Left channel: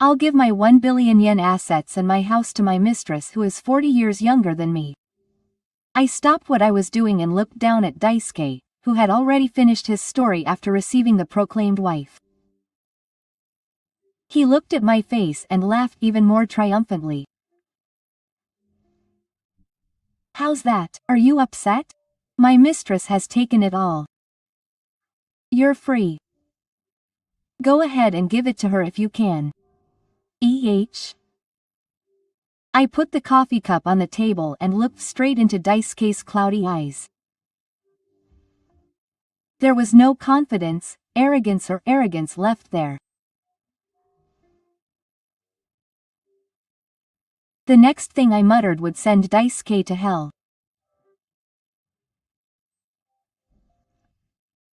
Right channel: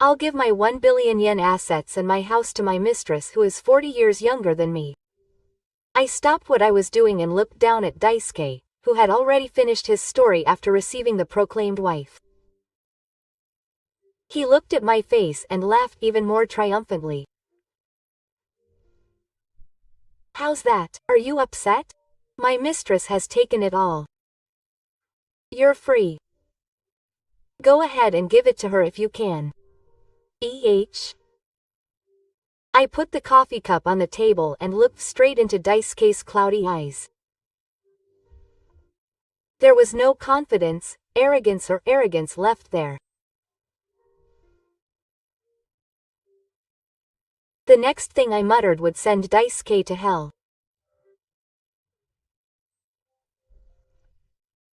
I'll give my 1 billion yen assets and my house to my mistress who is 40 years younger than me. I stopped what I was doing and looked down at Daisuke, who had already finished his story after receiving the proclaimed wife. He looked at my face and laughed even more triumphantly. How's that? Are you upset? My mistress has taken it all. You're free. Go ahead and give it to her if you can. I put the coffee cup on the table and looked straight into Daisuke's cloudy eyes. There was no confidence, arrogance left there. The next thing I muttered would send Daisuke to hell.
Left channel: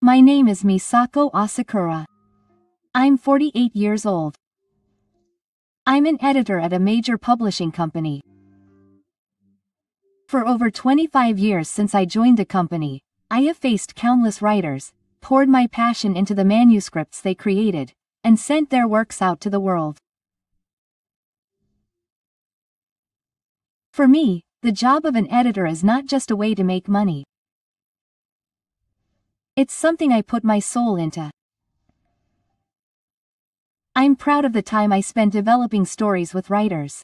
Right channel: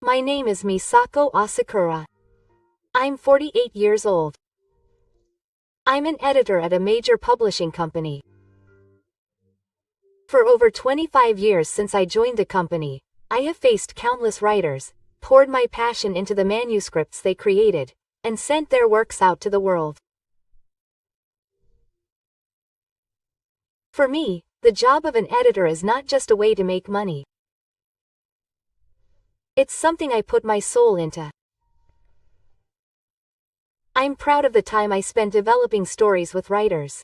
My name is Misako Asakura. I'm 48 years old. I'm an editor at a major publishing company. For over 25 years since I joined the company, I have faced countless writers, poured my passion into the manuscripts they created, and sent their works out to the world. For me, the job of an editor is not just a way to make money. It's something I put my soul into. I'm proud of the time I spent developing stories with writers.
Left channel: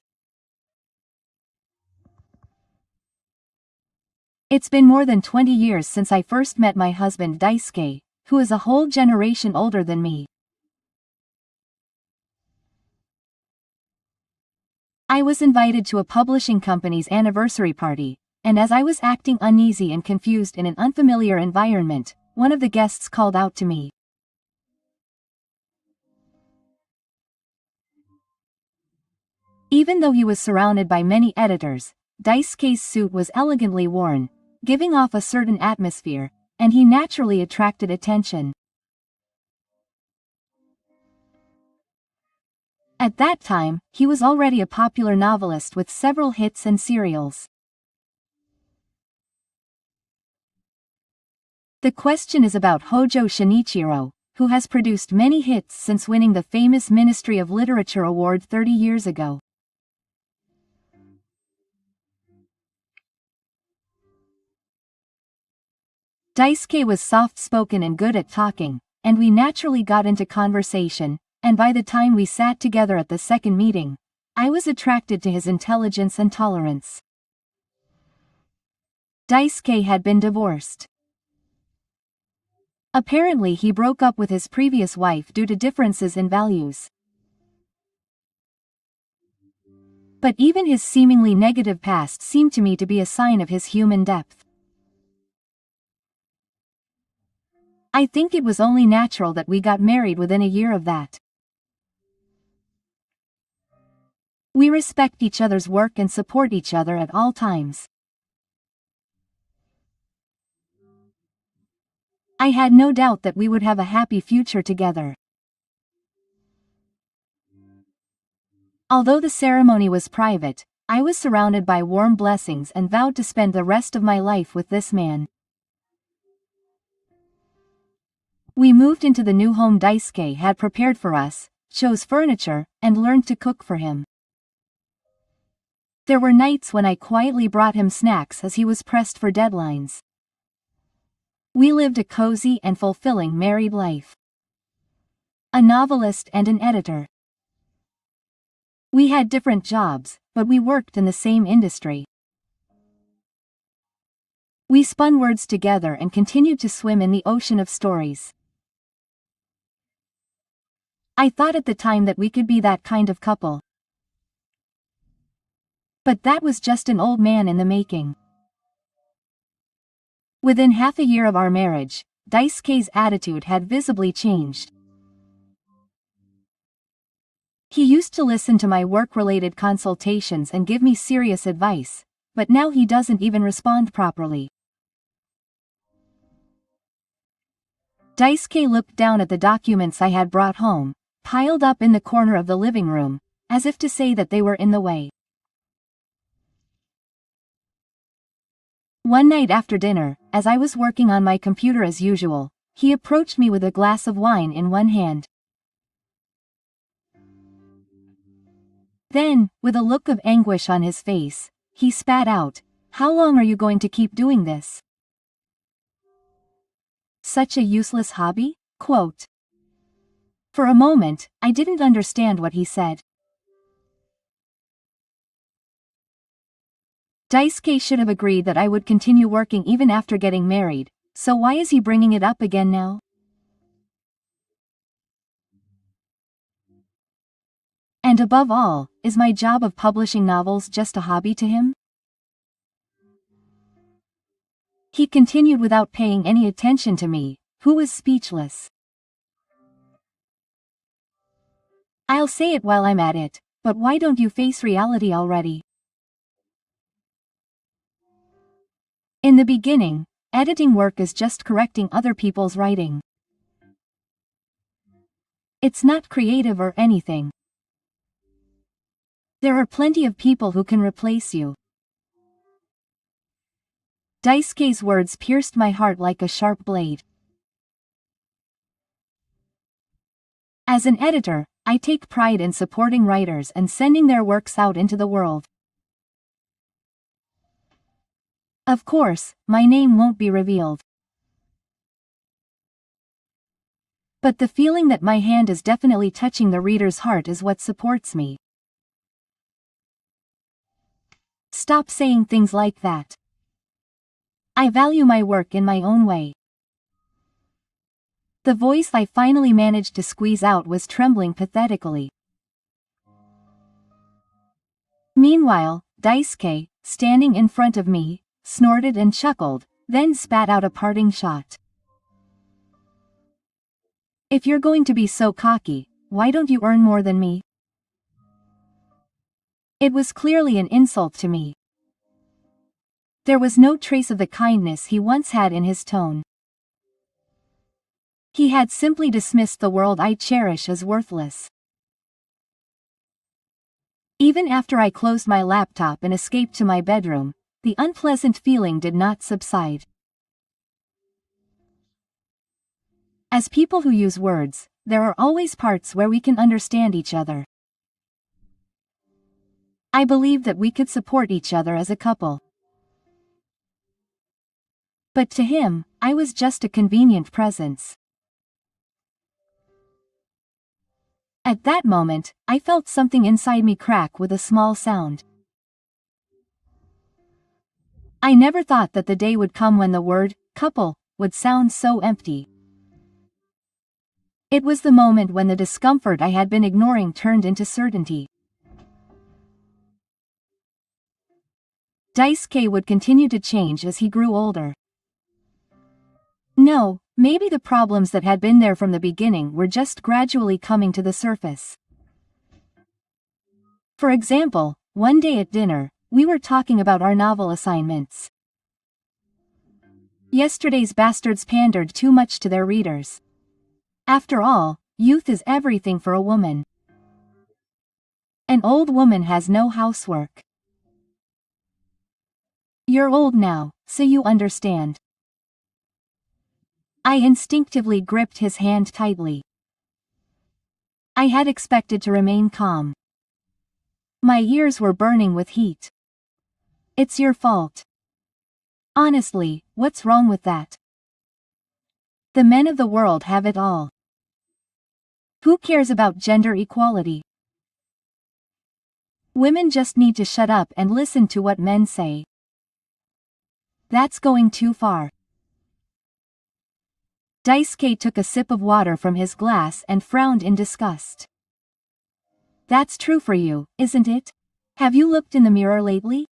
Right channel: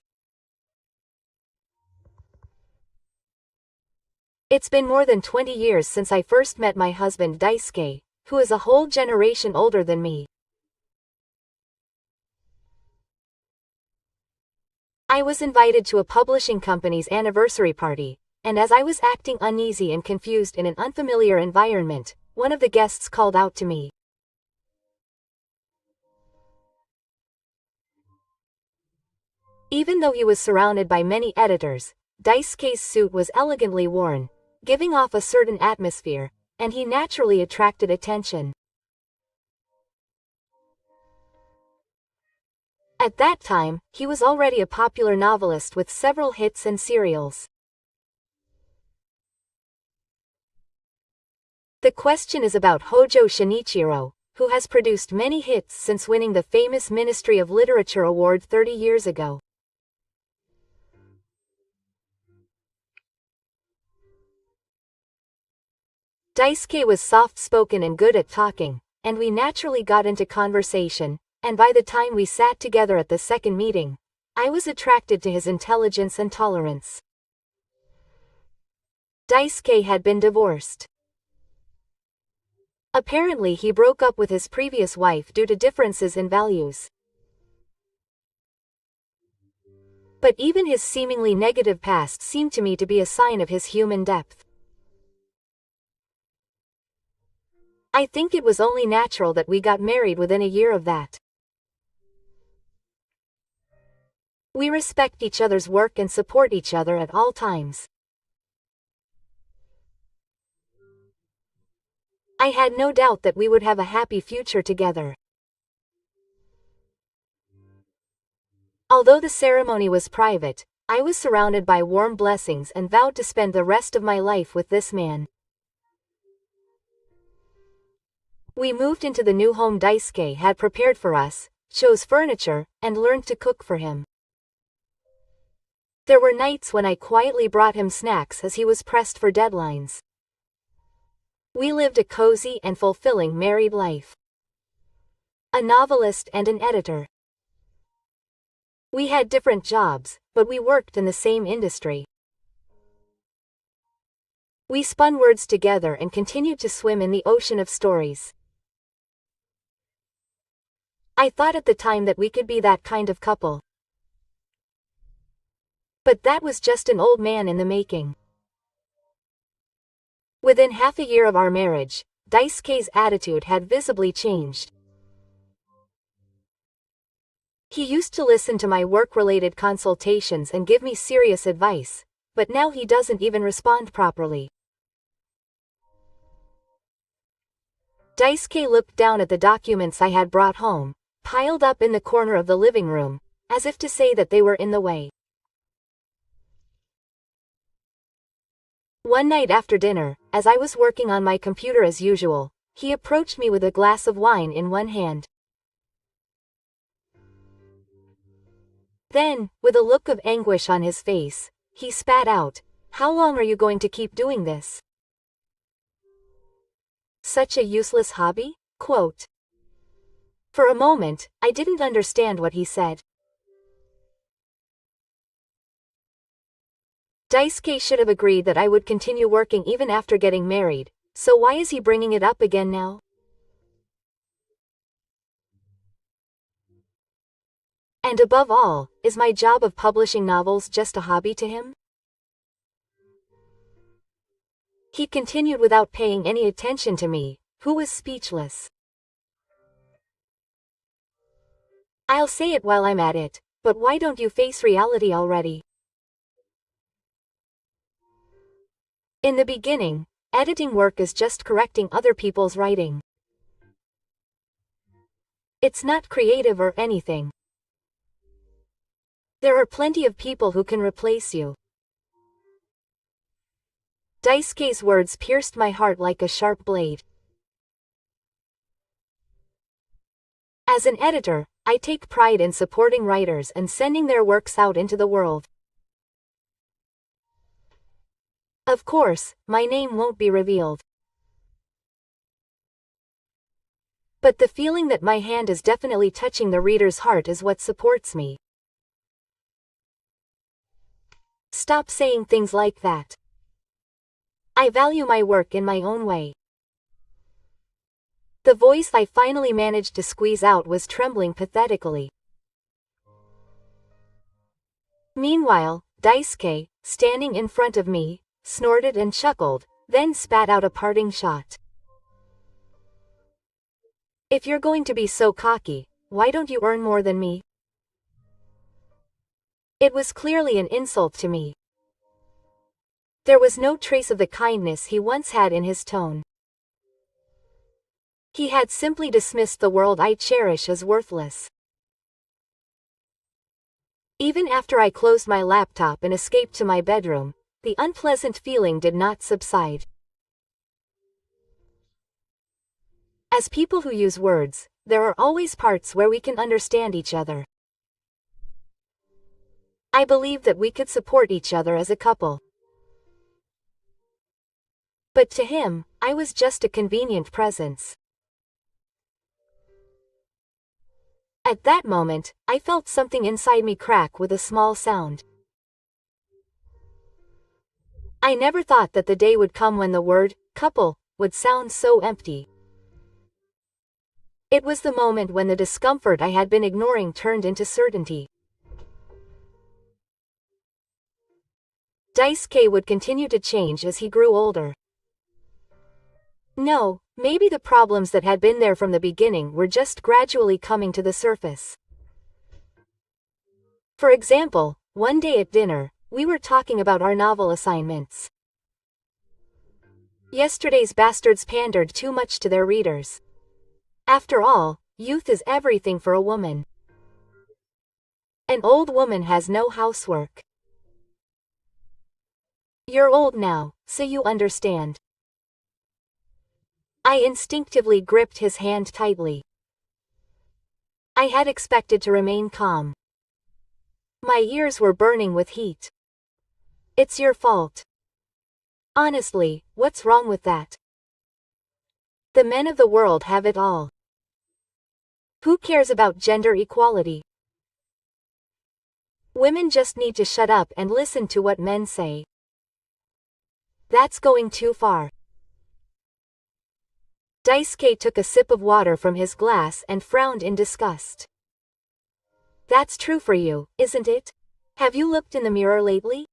It's been more than 20 years since I first met my husband Daisuke, who is a whole generation older than me. I was invited to a publishing company's anniversary party, and as I was acting uneasy and confused in an unfamiliar environment, one of the guests called out to me. Even though he was surrounded by many editors, Daisuke's suit was elegantly worn, giving off a certain atmosphere, and he naturally attracted attention. At that time, he was already a popular novelist with several hits and serials. The question is about Hojo Shinichiro, who has produced many hits since winning the famous Ministry of Literature Award 30 years ago. Daisuke was soft-spoken and good at talking, and we naturally got into conversation, and by the time we sat together at the second meeting, I was attracted to his intelligence and tolerance. Daisuke had been divorced. Apparently he broke up with his previous wife due to differences in values. But even his seemingly negative past seemed to me to be a sign of his human depth. I think it was only natural that we got married within a year of that. We respect each other's work and support each other at all times. I had no doubt that we would have a happy future together. Although the ceremony was private, I was surrounded by warm blessings and vowed to spend the rest of my life with this man. We moved into the new home Daisuke had prepared for us, chose furniture, and learned to cook for him. There were nights when I quietly brought him snacks as he was pressed for deadlines. We lived a cozy and fulfilling married life. A novelist and an editor. We had different jobs, but we worked in the same industry. We spun words together and continued to swim in the ocean of stories. I thought at the time that we could be that kind of couple. But that was just an old man in the making. Within half a year of our marriage, Daisuke's attitude had visibly changed. He used to listen to my work-related consultations and give me serious advice, but now he doesn't even respond properly. Daisuke looked down at the documents I had brought home, piled up in the corner of the living room, as if to say that they were in the way. One night after dinner, as I was working on my computer as usual, he approached me with a glass of wine in one hand. Then, with a look of anguish on his face, he spat out, "How long are you going to keep doing this? Such a useless hobby?" Quote. For a moment, I didn't understand what he said. Daisuke should have agreed that I would continue working even after getting married, so why is he bringing it up again now? And above all, is my job of publishing novels just a hobby to him? He continued without paying any attention to me, who was speechless. I'll say it while I'm at it, but why don't you face reality already? In the beginning, editing work is just correcting other people's writing. It's not creative or anything. There are plenty of people who can replace you. Daisuke's words pierced my heart like a sharp blade. As an editor, I take pride in supporting writers and sending their works out into the world. Of course, my name won't be revealed. But the feeling that my hand is definitely touching the reader's heart is what supports me. Stop saying things like that. I value my work in my own way. The voice I finally managed to squeeze out was trembling pathetically. Meanwhile, Daisuke, standing in front of me, snorted and chuckled, then spat out a parting shot. If you're going to be so cocky, why don't you earn more than me? It was clearly an insult to me. There was no trace of the kindness he once had in his tone. He had simply dismissed the world I cherish as worthless. Even after I closed my laptop and escaped to my bedroom, the unpleasant feeling did not subside. As people who use words, there are always parts where we can understand each other. I believed that we could support each other as a couple. But to him, I was just a convenient presence. At that moment, I felt something inside me crack with a small sound. I never thought that the day would come when the word, couple, would sound so empty. It was the moment when the discomfort I had been ignoring turned into certainty. Daisuke would continue to change as he grew older. No, maybe the problems that had been there from the beginning were just gradually coming to the surface. For example, one day at dinner, we were talking about our novel assignments. Yesterday's bastards pandered too much to their readers. After all, youth is everything for a woman. An old woman has no housework. You're old now, so you understand. I instinctively gripped his hand tightly. I had expected to remain calm. My ears were burning with heat. It's your fault. Honestly, what's wrong with that? The men of the world have it all. Who cares about gender equality? Women just need to shut up and listen to what men say. That's going too far. Daisuke took a sip of water from his glass and frowned in disgust. That's true for you, isn't it? Have you looked in the mirror lately?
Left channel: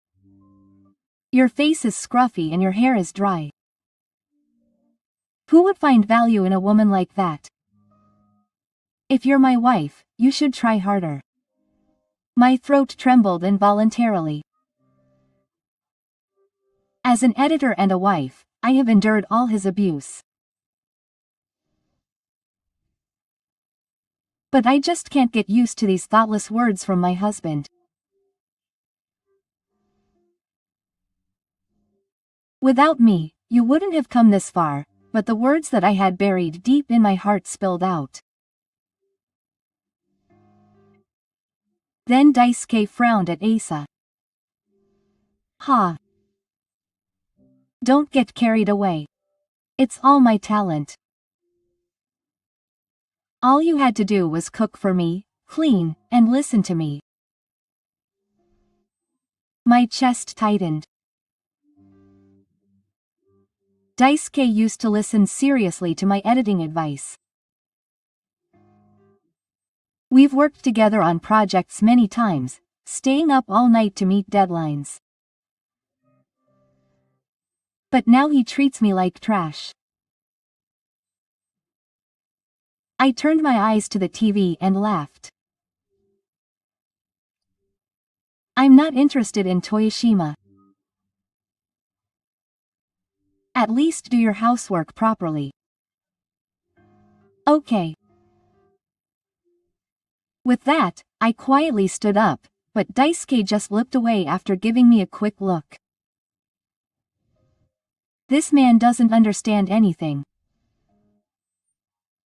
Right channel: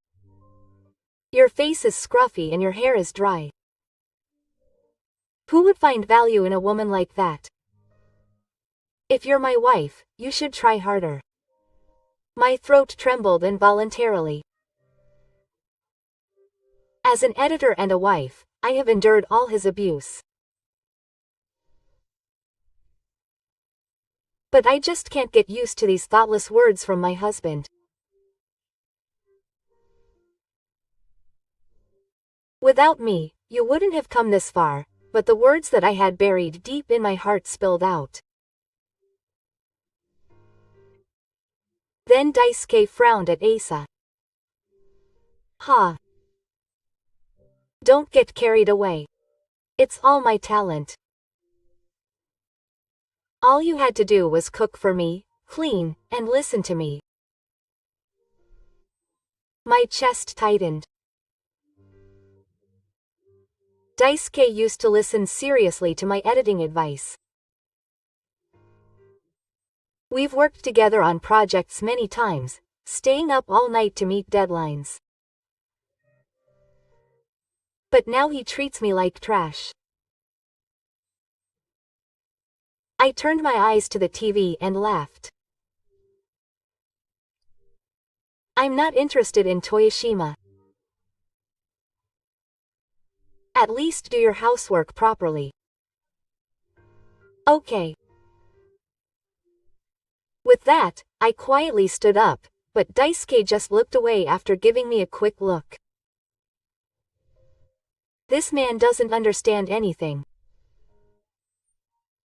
Your face is scruffy and your hair is dry. Who would find value in a woman like that? If you're my wife, you should try harder. My throat trembled involuntarily. As an editor and a wife, I have endured all his abuse. But I just can't get used to these thoughtless words from my husband. Without me, you wouldn't have come this far, but the words that I had buried deep in my heart spilled out. Then Daisuke frowned at Asa. Ha. Don't get carried away. It's all my talent. All you had to do was cook for me, clean, and listen to me. My chest tightened. Daisuke used to listen seriously to my editing advice. We've worked together on projects many times, staying up all night to meet deadlines. But now he treats me like trash. I turned my eyes to the TV and laughed. I'm not interested in Toyoshima. At least do your housework properly. Okay. With that, I quietly stood up, but Daisuke just looked away after giving me a quick look. This man doesn't understand anything.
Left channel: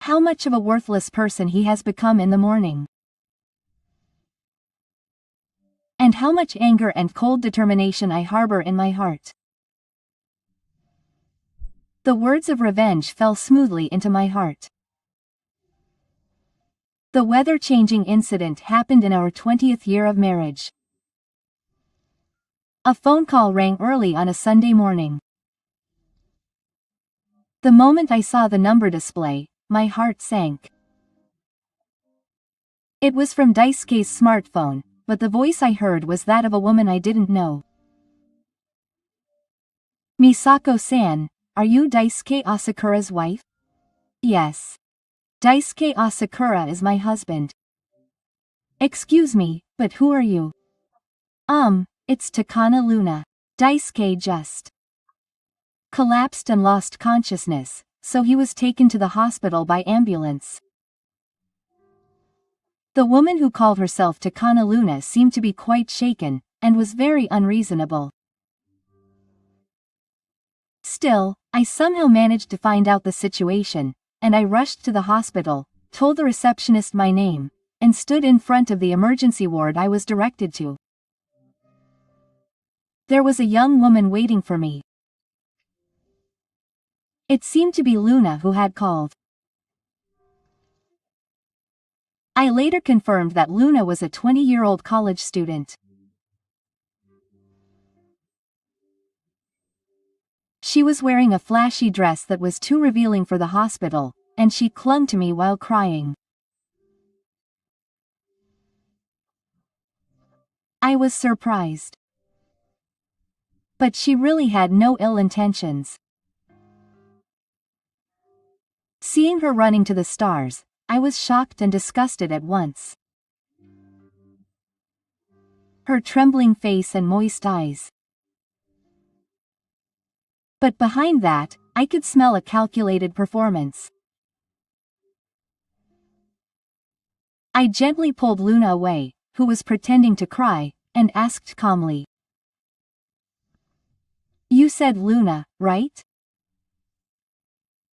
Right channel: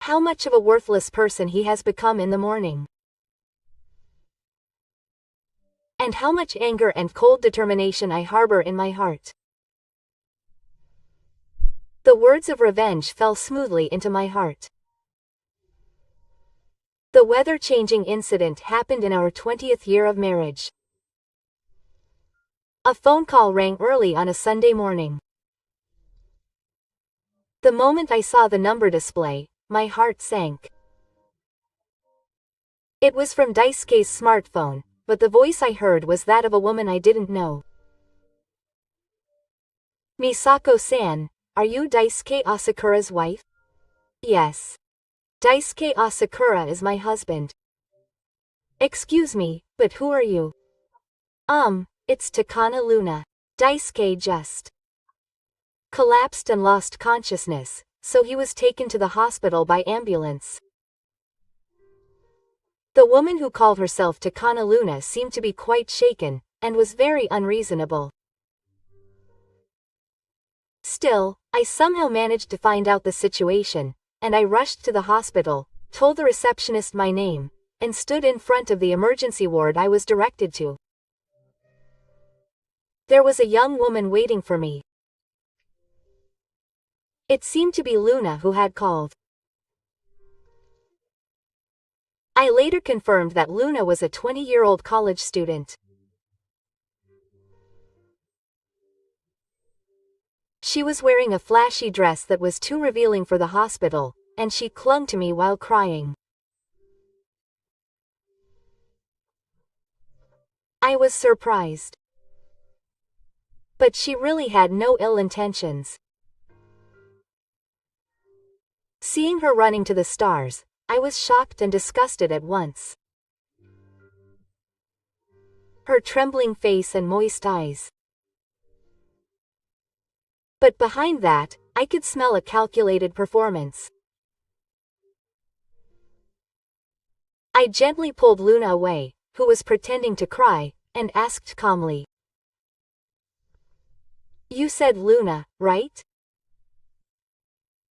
How much of a worthless person he has become in the morning. And how much anger and cold determination I harbor in my heart. The words of revenge fell smoothly into my heart. The weather-changing incident happened in our 20th year of marriage. A phone call rang early on a Sunday morning. The moment I saw the number display, my heart sank. It was from Daisuke's smartphone, but the voice I heard was that of a woman I didn't know. Misako-san, are you Daisuke Asakura's wife? Yes. Daisuke Asakura is my husband. Excuse me, but who are you? It's Takana Luna. Daisuke just collapsed and lost consciousness, so he was taken to the hospital by ambulance. The woman who called herself Takana Luna seemed to be quite shaken, and was very unreasonable. Still, I somehow managed to find out the situation, and I rushed to the hospital, told the receptionist my name, and stood in front of the emergency ward I was directed to. There was a young woman waiting for me. It seemed to be Luna who had called. I later confirmed that Luna was a 20-year-old college student. She was wearing a flashy dress that was too revealing for the hospital, and she clung to me while crying. I was surprised. But she really had no ill intentions. Seeing her running to the stars, I was shocked and disgusted at once. Her trembling face and moist eyes. But behind that, I could smell a calculated performance. I gently pulled Luna away, who was pretending to cry, and asked calmly. You said Luna, right?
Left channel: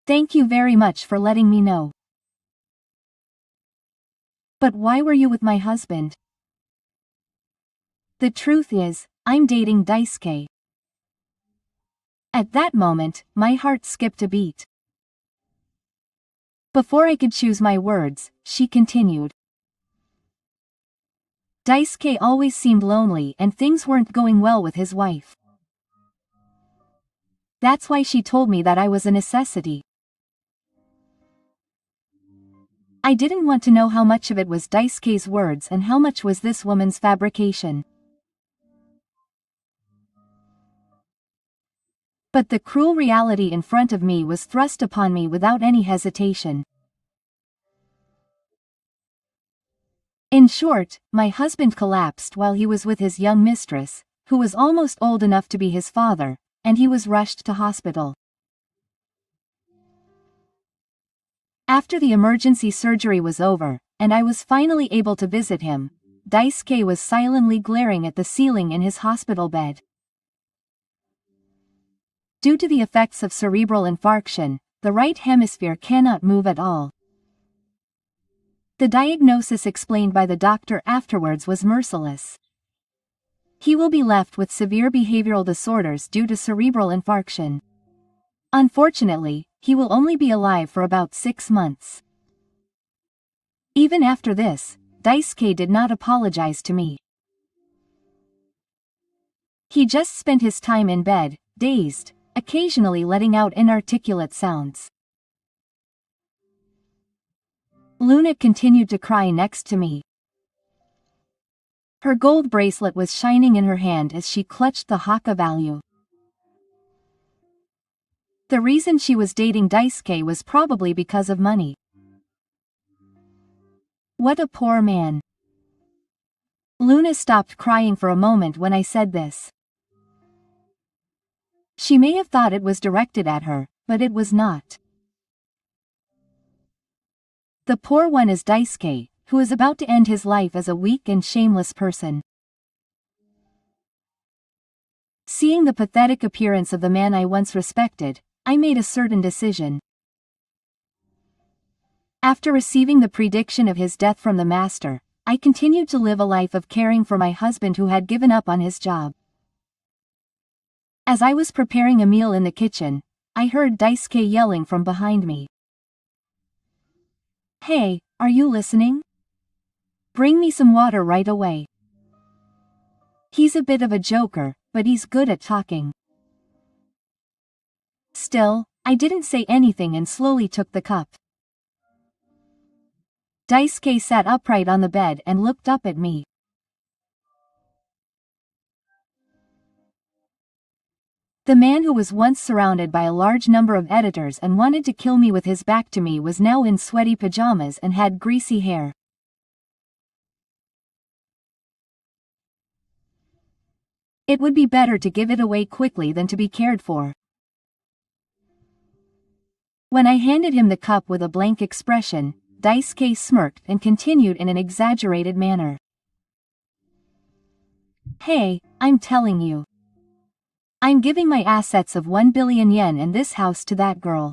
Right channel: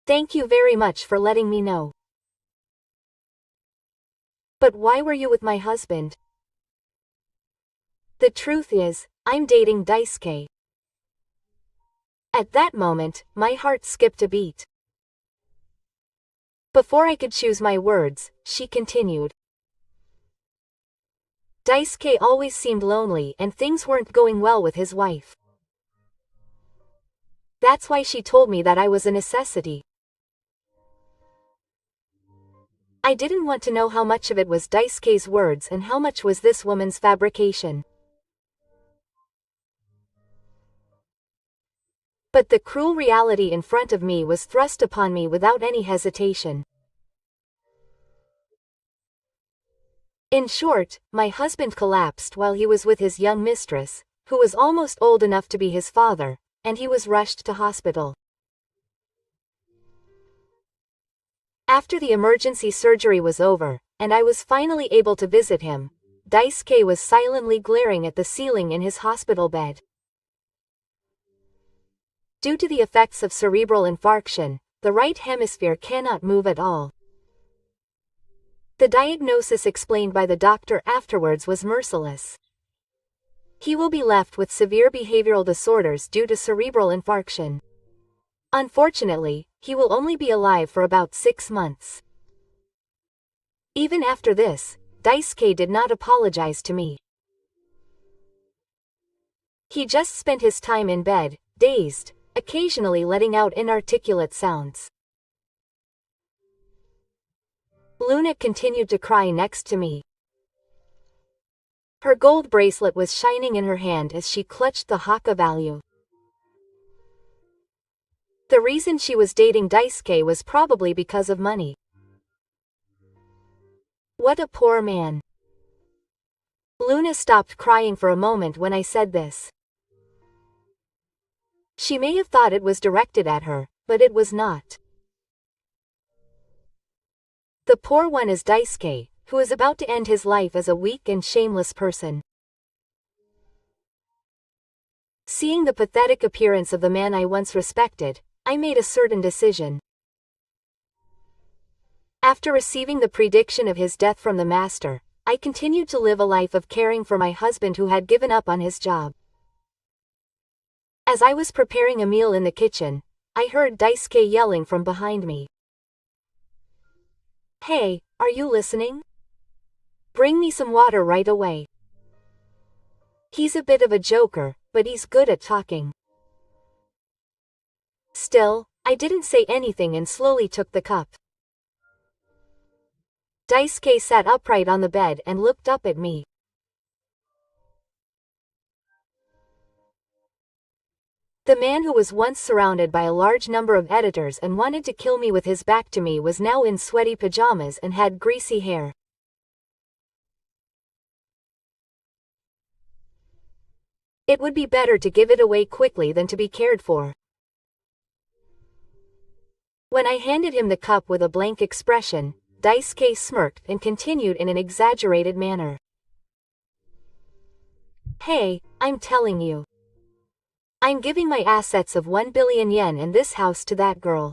Thank you very much for letting me know. But why were you with my husband? The truth is, I'm dating Daisuke. At that moment, my heart skipped a beat. Before I could choose my words, she continued. Daisuke always seemed lonely and things weren't going well with his wife. That's why she told me that I was a necessity. I didn't want to know how much of it was Daisuke's words and how much was this woman's fabrication. But the cruel reality in front of me was thrust upon me without any hesitation. In short, my husband collapsed while he was with his young mistress, who was almost old enough to be his father, and he was rushed to hospital. After the emergency surgery was over, and I was finally able to visit him, Daisuke was silently glaring at the ceiling in his hospital bed. Due to the effects of cerebral infarction, the right hemisphere cannot move at all. The diagnosis explained by the doctor afterwards was merciless. He will be left with severe behavioral disorders due to cerebral infarction. Unfortunately, he will only be alive for about 6 months. Even after this, Daisuke did not apologize to me. He just spent his time in bed, dazed, occasionally letting out inarticulate sounds. Luna continued to cry next to me. Her gold bracelet was shining in her hand as she clutched the Haka value. The reason she was dating Daisuke was probably because of money. What a poor man. Luna stopped crying for a moment when I said this. She may have thought it was directed at her, but it was not. The poor one is Daisuke, who is about to end his life as a weak and shameless person. Seeing the pathetic appearance of the man I once respected, I made a certain decision. After receiving the prediction of his death from the master, I continued to live a life of caring for my husband who had given up on his job. As I was preparing a meal in the kitchen, I heard Daisuke yelling from behind me. Hey, are you listening? Bring me some water right away. He's a bit of a joker, but he's good at talking. Still, I didn't say anything and slowly took the cup. Daisuke sat upright on the bed and looked up at me. The man who was once surrounded by a large number of editors and wanted to kill me with his back to me was now in sweaty pajamas and had greasy hair. It would be better to give it away quickly than to be cared for. When I handed him the cup with a blank expression, Daisuke smirked and continued in an exaggerated manner. Hey, I'm telling you. I'm giving my assets of 1 billion yen and this house to that girl.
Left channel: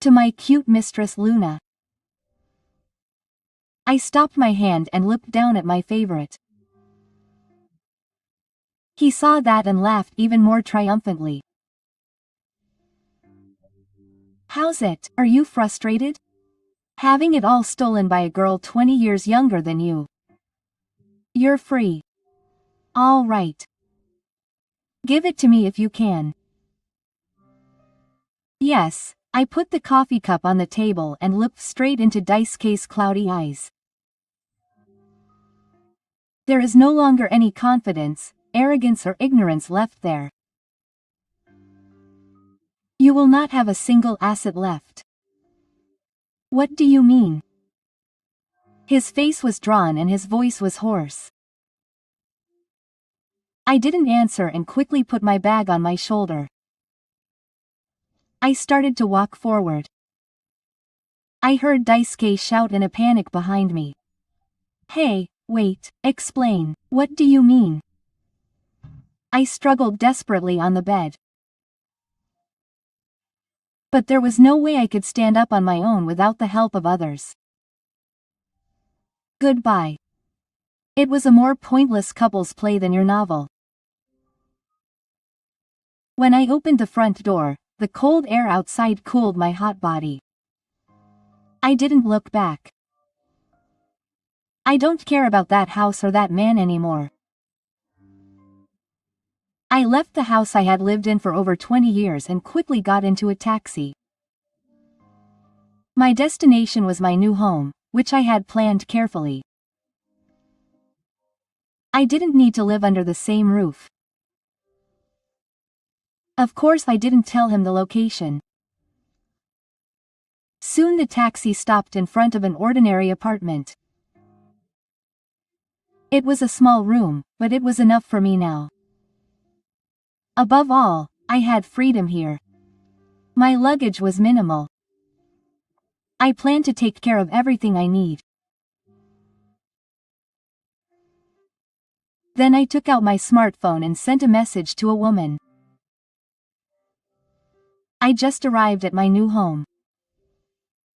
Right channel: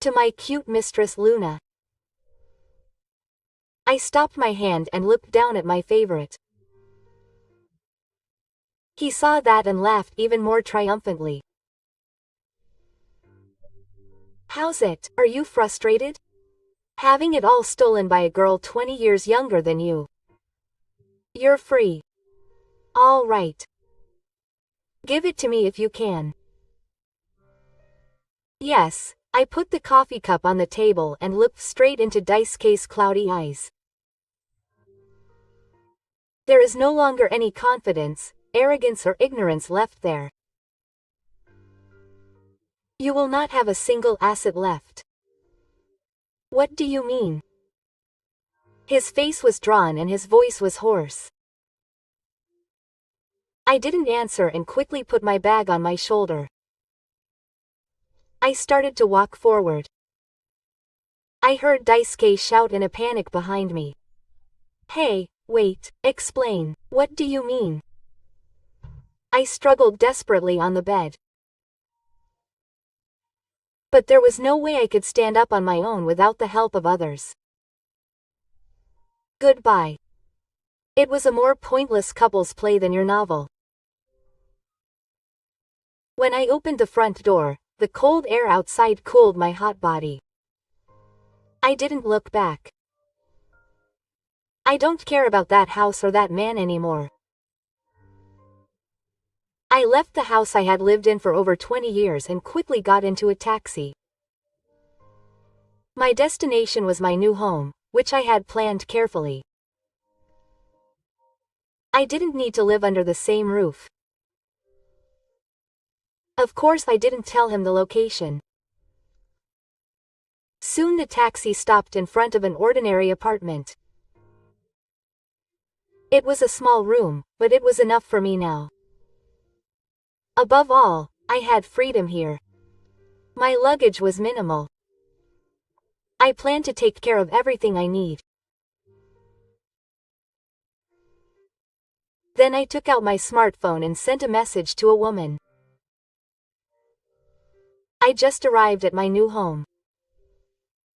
To my cute mistress Luna. I stopped my hand and looked down at my favorite. He saw that and laughed even more triumphantly. How's it, are you frustrated? Having it all stolen by a girl 20 years younger than you. You're free. All right. Give it to me if you can. Yes, I put the coffee cup on the table and looked straight into Daisuke's cloudy eyes. There is no longer any confidence, arrogance or ignorance left there. You will not have a single asset left. What do you mean? His face was drawn and his voice was hoarse. I didn't answer and quickly put my bag on my shoulder. I started to walk forward. I heard Daisuke shout in a panic behind me. Hey, wait, explain, what do you mean? I struggled desperately on the bed. But there was no way I could stand up on my own without the help of others. Goodbye. It was a more pointless couple's play than your novel. When I opened the front door, the cold air outside cooled my hot body. I didn't look back. I don't care about that house or that man anymore. I left the house I had lived in for over 20 years and quickly got into a taxi. My destination was my new home, which I had planned carefully. I didn't need to live under the same roof. Of course I didn't tell him the location. Soon the taxi stopped in front of an ordinary apartment. It was a small room, but it was enough for me now. Above all, I had freedom here. My luggage was minimal. I planned to take care of everything I need. Then I took out my smartphone and sent a message to a woman. I just arrived at my new home.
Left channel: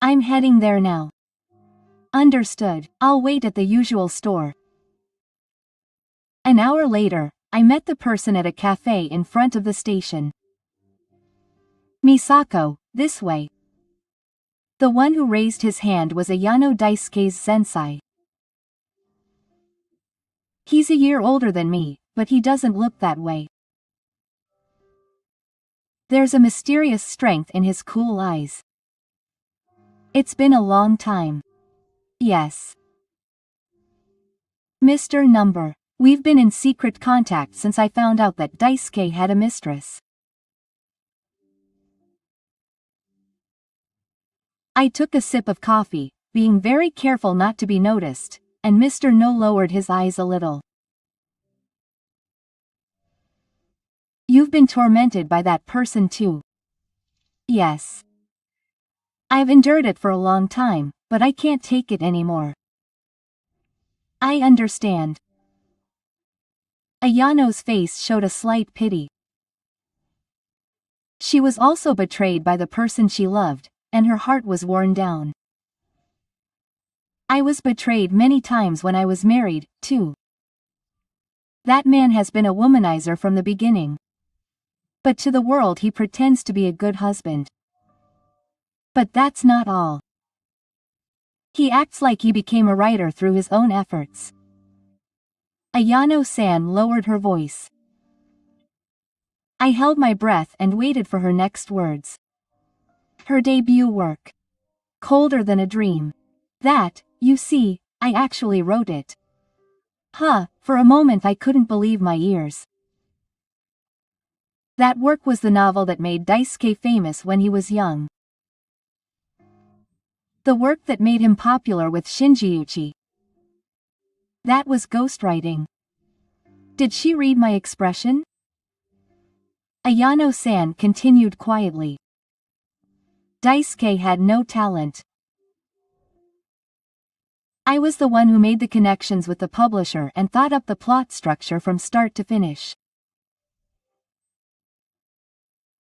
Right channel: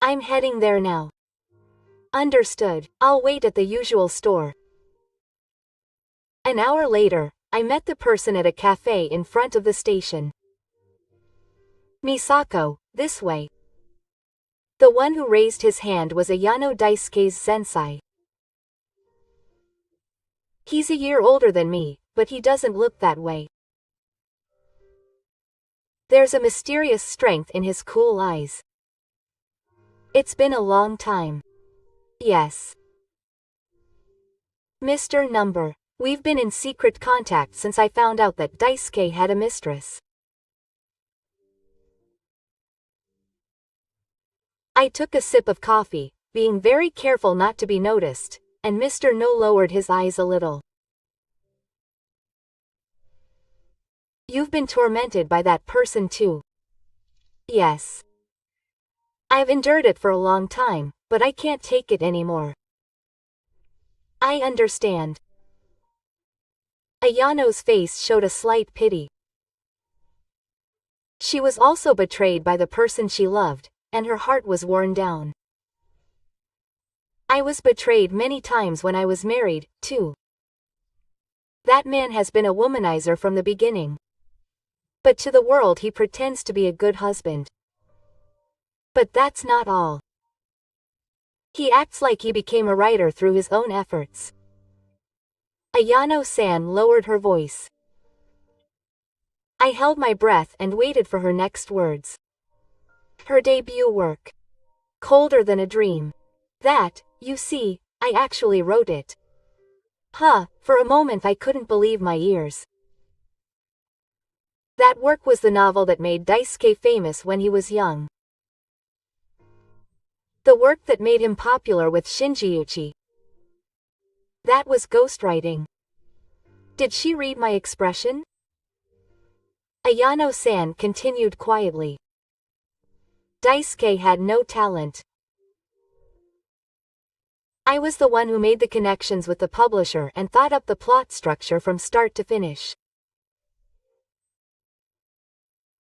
I'm heading there now. Understood, I'll wait at the usual store. An hour later, I met the person at a cafe in front of the station. Misako, this way. The one who raised his hand was Ayano Daisuke's sensei. He's a year older than me, but he doesn't look that way. There's a mysterious strength in his cool eyes. It's been a long time. Yes. Mr. Number, we've been in secret contact since I found out that Daisuke had a mistress. I took a sip of coffee, being very careful not to be noticed, and Mr. No lowered his eyes a little. You've been tormented by that person too. Yes. I've endured it for a long time, but I can't take it anymore. I understand. Ayano's face showed a slight pity. She was also betrayed by the person she loved, and her heart was worn down. I was betrayed many times when I was married, too. That man has been a womanizer from the beginning. But to the world he pretends to be a good husband. But that's not all. He acts like he became a writer through his own efforts. Ayano-san lowered her voice. I held my breath and waited for her next words. Her debut work. Colder Than a Dream. That, you see, I actually wrote it. For a moment I couldn't believe my ears. That work was the novel that made Daisuke famous when he was young. The work that made him popular with Shinji-uchi. That was ghostwriting. Did she read my expression? Ayano-san continued quietly. Daisuke had no talent. I was the one who made the connections with the publisher and thought up the plot structure from start to finish.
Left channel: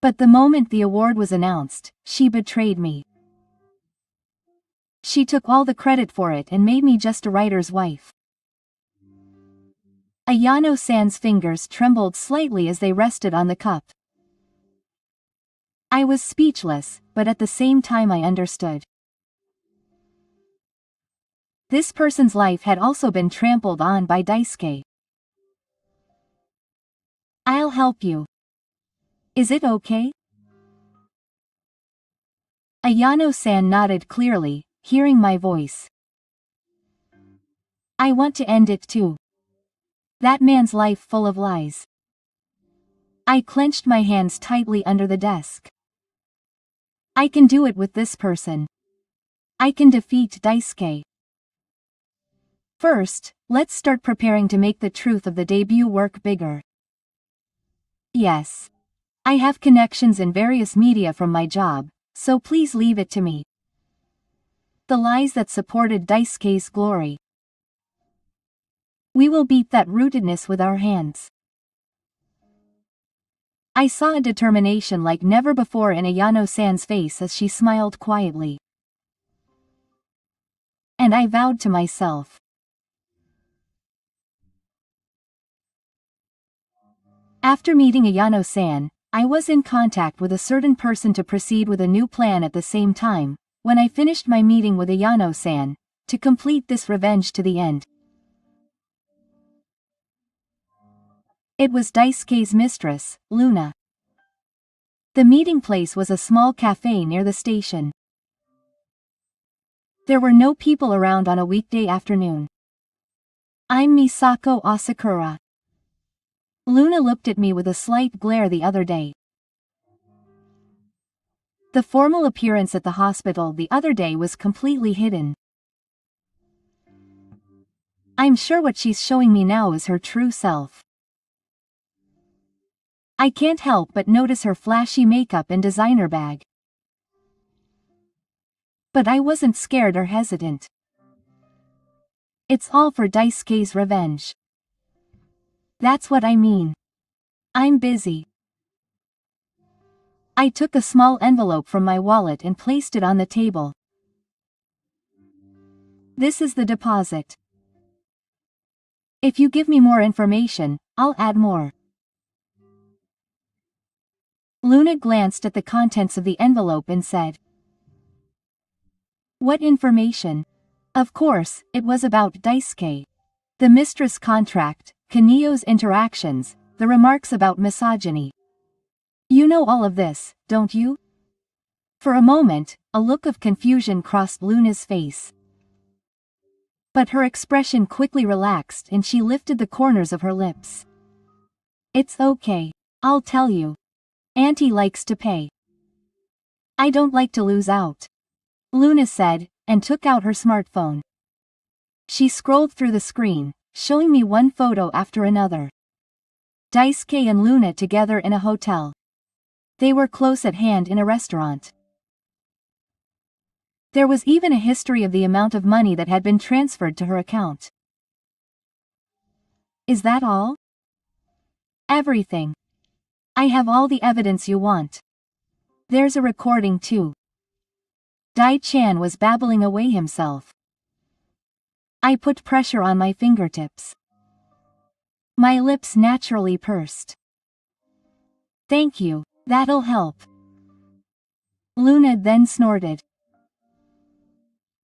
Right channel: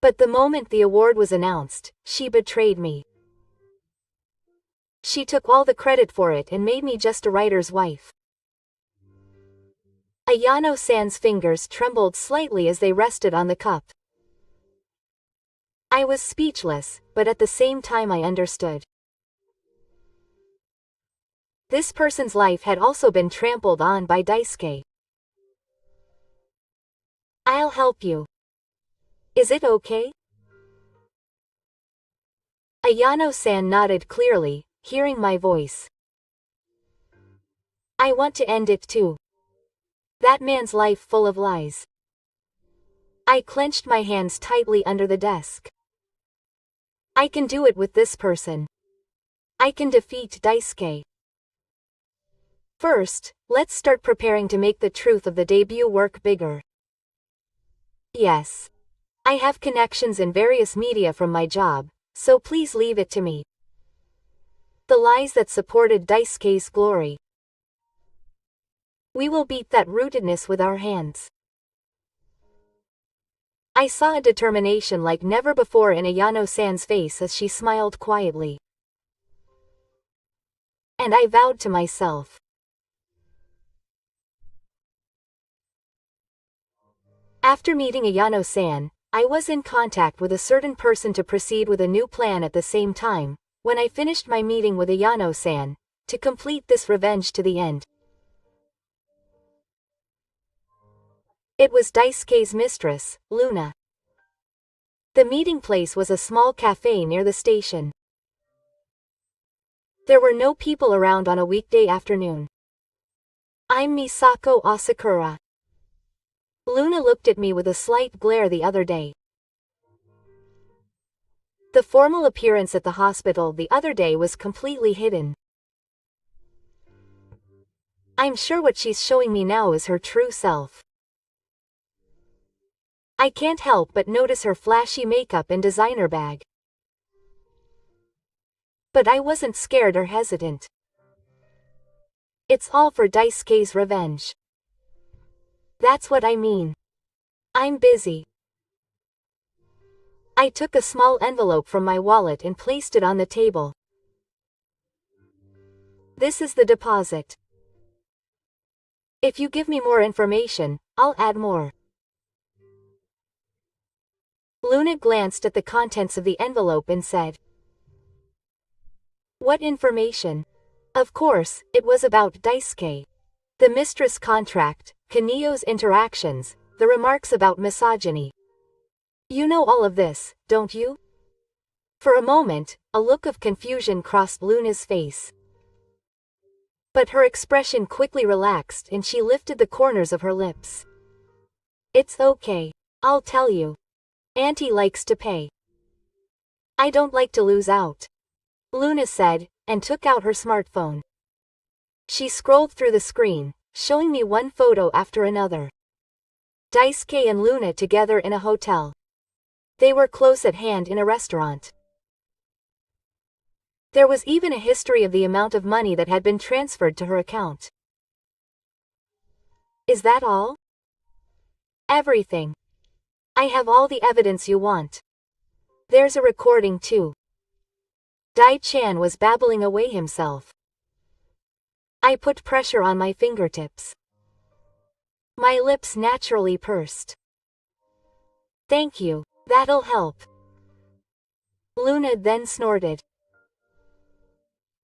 But the moment the award was announced, she betrayed me. She took all the credit for it and made me just a writer's wife. Ayano-san's fingers trembled slightly as they rested on the cup. I was speechless, but at the same time I understood. This person's life had also been trampled on by Daisuke. I'll help you. Is it okay? Ayano-san nodded clearly, hearing my voice. I want to end it too. That man's life full of lies. I clenched my hands tightly under the desk. I can do it with this person. I can defeat Daisuke. First, let's start preparing to make the truth of the debut work bigger. Yes. I have connections in various media from my job, so please leave it to me. The lies that supported Daisuke's glory. We will beat that rootedness with our hands. I saw a determination like never before in Ayano-san's face as she smiled quietly. And I vowed to myself. After meeting Ayano-san, I was in contact with a certain person to proceed with a new plan at the same time, when I finished my meeting with Ayano-san, to complete this revenge to the end. It was Daisuke's mistress, Luna. The meeting place was a small cafe near the station. There were no people around on a weekday afternoon. I'm Misako Asakura. Luna looked at me with a slight glare the other day. The formal appearance at the hospital the other day was completely hidden. I'm sure what she's showing me now is her true self. I can't help but notice her flashy makeup and designer bag. But I wasn't scared or hesitant. It's all for Daisuke's revenge. That's what I mean. I'm busy. I took a small envelope from my wallet and placed it on the table. This is the deposit. If you give me more information, I'll add more. Luna glanced at the contents of the envelope and said, "What information?" Of course, it was about Daisuke. The mistress contract, Kaneo's interactions, the remarks about misogyny. You know all of this, don't you? For a moment, a look of confusion crossed Luna's face. But her expression quickly relaxed and she lifted the corners of her lips. It's okay. I'll tell you. Auntie likes to pay. I don't like to lose out. Luna said, and took out her smartphone. She scrolled through the screen, showing me one photo after another. Daisuke and Luna together in a hotel. They were close at hand in a restaurant. There was even a history of the amount of money that had been transferred to her account. Is that all? Everything. I have all the evidence you want. There's a recording too. Dai-chan was babbling away himself. I put pressure on my fingertips. My lips naturally pursed. Thank you, that'll help. Luna then snorted.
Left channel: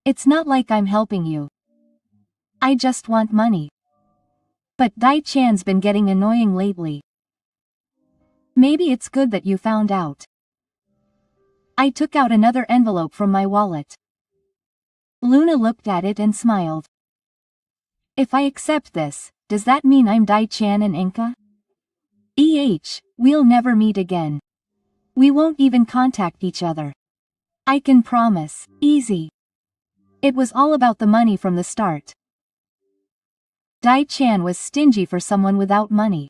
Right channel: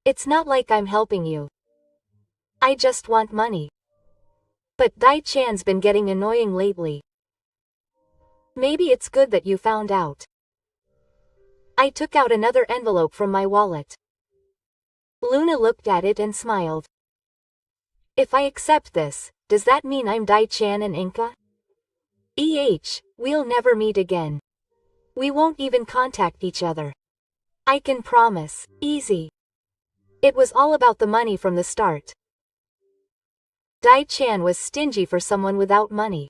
It's not like I'm helping you. I just want money. But Dai-chan's been getting annoying lately. Maybe it's good that you found out. I took out another envelope from my wallet. Luna looked at it and smiled. If I accept this, does that mean I'm Dai-chan and Inka? We'll never meet again. We won't even contact each other. I can promise, easy. It was all about the money from the start. Dai-chan was stingy for someone without money.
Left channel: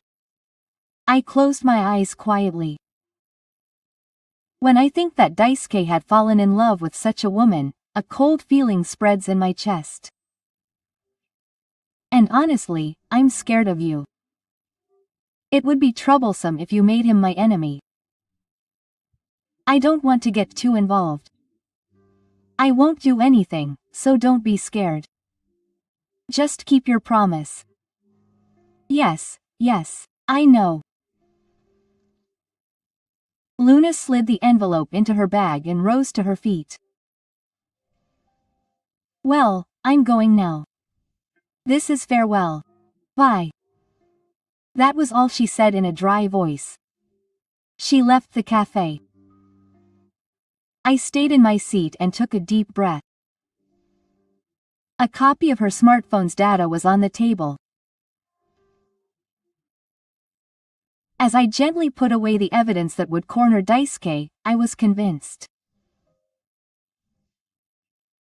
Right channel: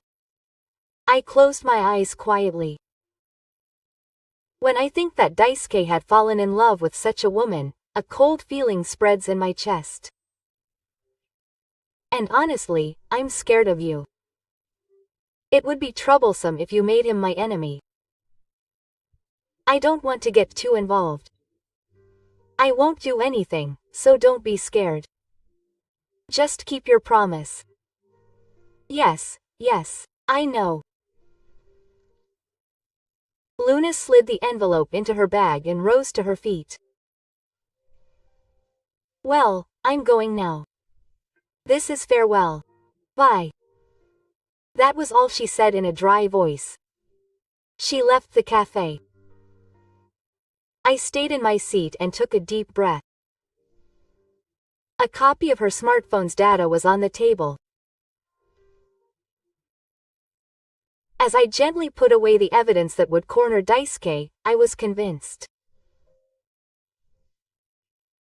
I closed my eyes quietly. When I think that Daisuke had fallen in love with such a woman, a cold feeling spreads in my chest. And honestly, I'm scared of you. It would be troublesome if you made him my enemy. I don't want to get too involved. I won't do anything, so don't be scared. Just keep your promise. Yes, I know. Luna slid the envelope into her bag and rose to her feet. Well, I'm going now. This is farewell. Bye. That was all she said in a dry voice. She left the cafe. I stayed in my seat and took a deep breath. A copy of her smartphone's data was on the table. As I gently put away the evidence that would corner Daisuke, I was convinced.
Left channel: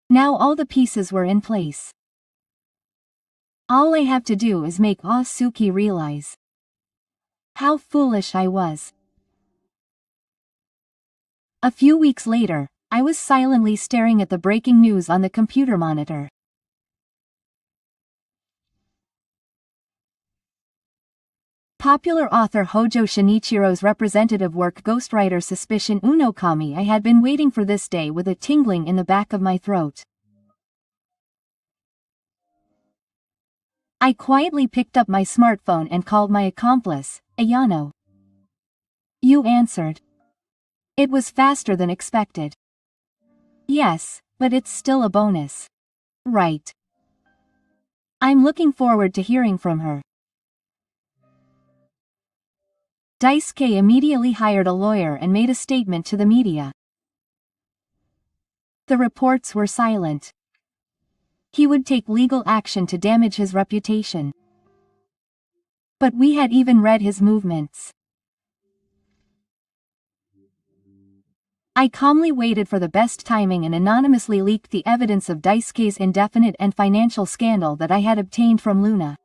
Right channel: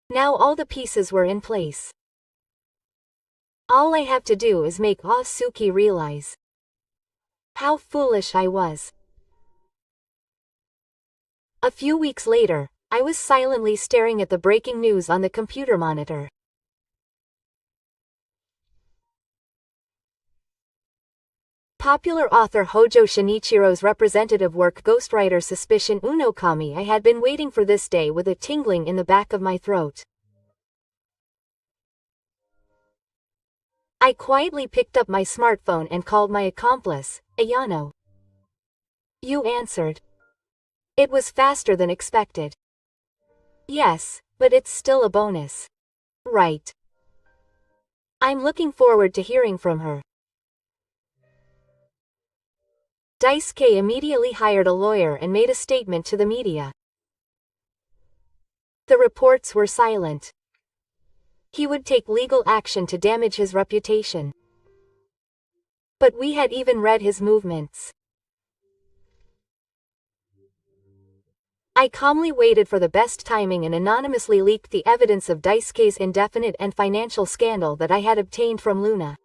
Now all the pieces were in place. All I have to do is make Asuki realize how foolish I was. A few weeks later, I was silently staring at the breaking news on the computer monitor. Popular author Hojo Shinichiro's representative work Ghostwriter Suspicion Unokami. I had been waiting for this day with a tingling in the back of my throat. I quietly picked up my smartphone and called my accomplice, Ayano. You answered. It was faster than expected. Yes, but it's still a bonus. Right. I'm looking forward to hearing from her. Daisuke immediately hired a lawyer and made a statement to the media. The reports were silent. He would take legal action to damage his reputation. But we had even read his movements. I calmly waited for the best timing and anonymously leaked the evidence of Daisuke's indefinite and financial scandal that I had obtained from Luna.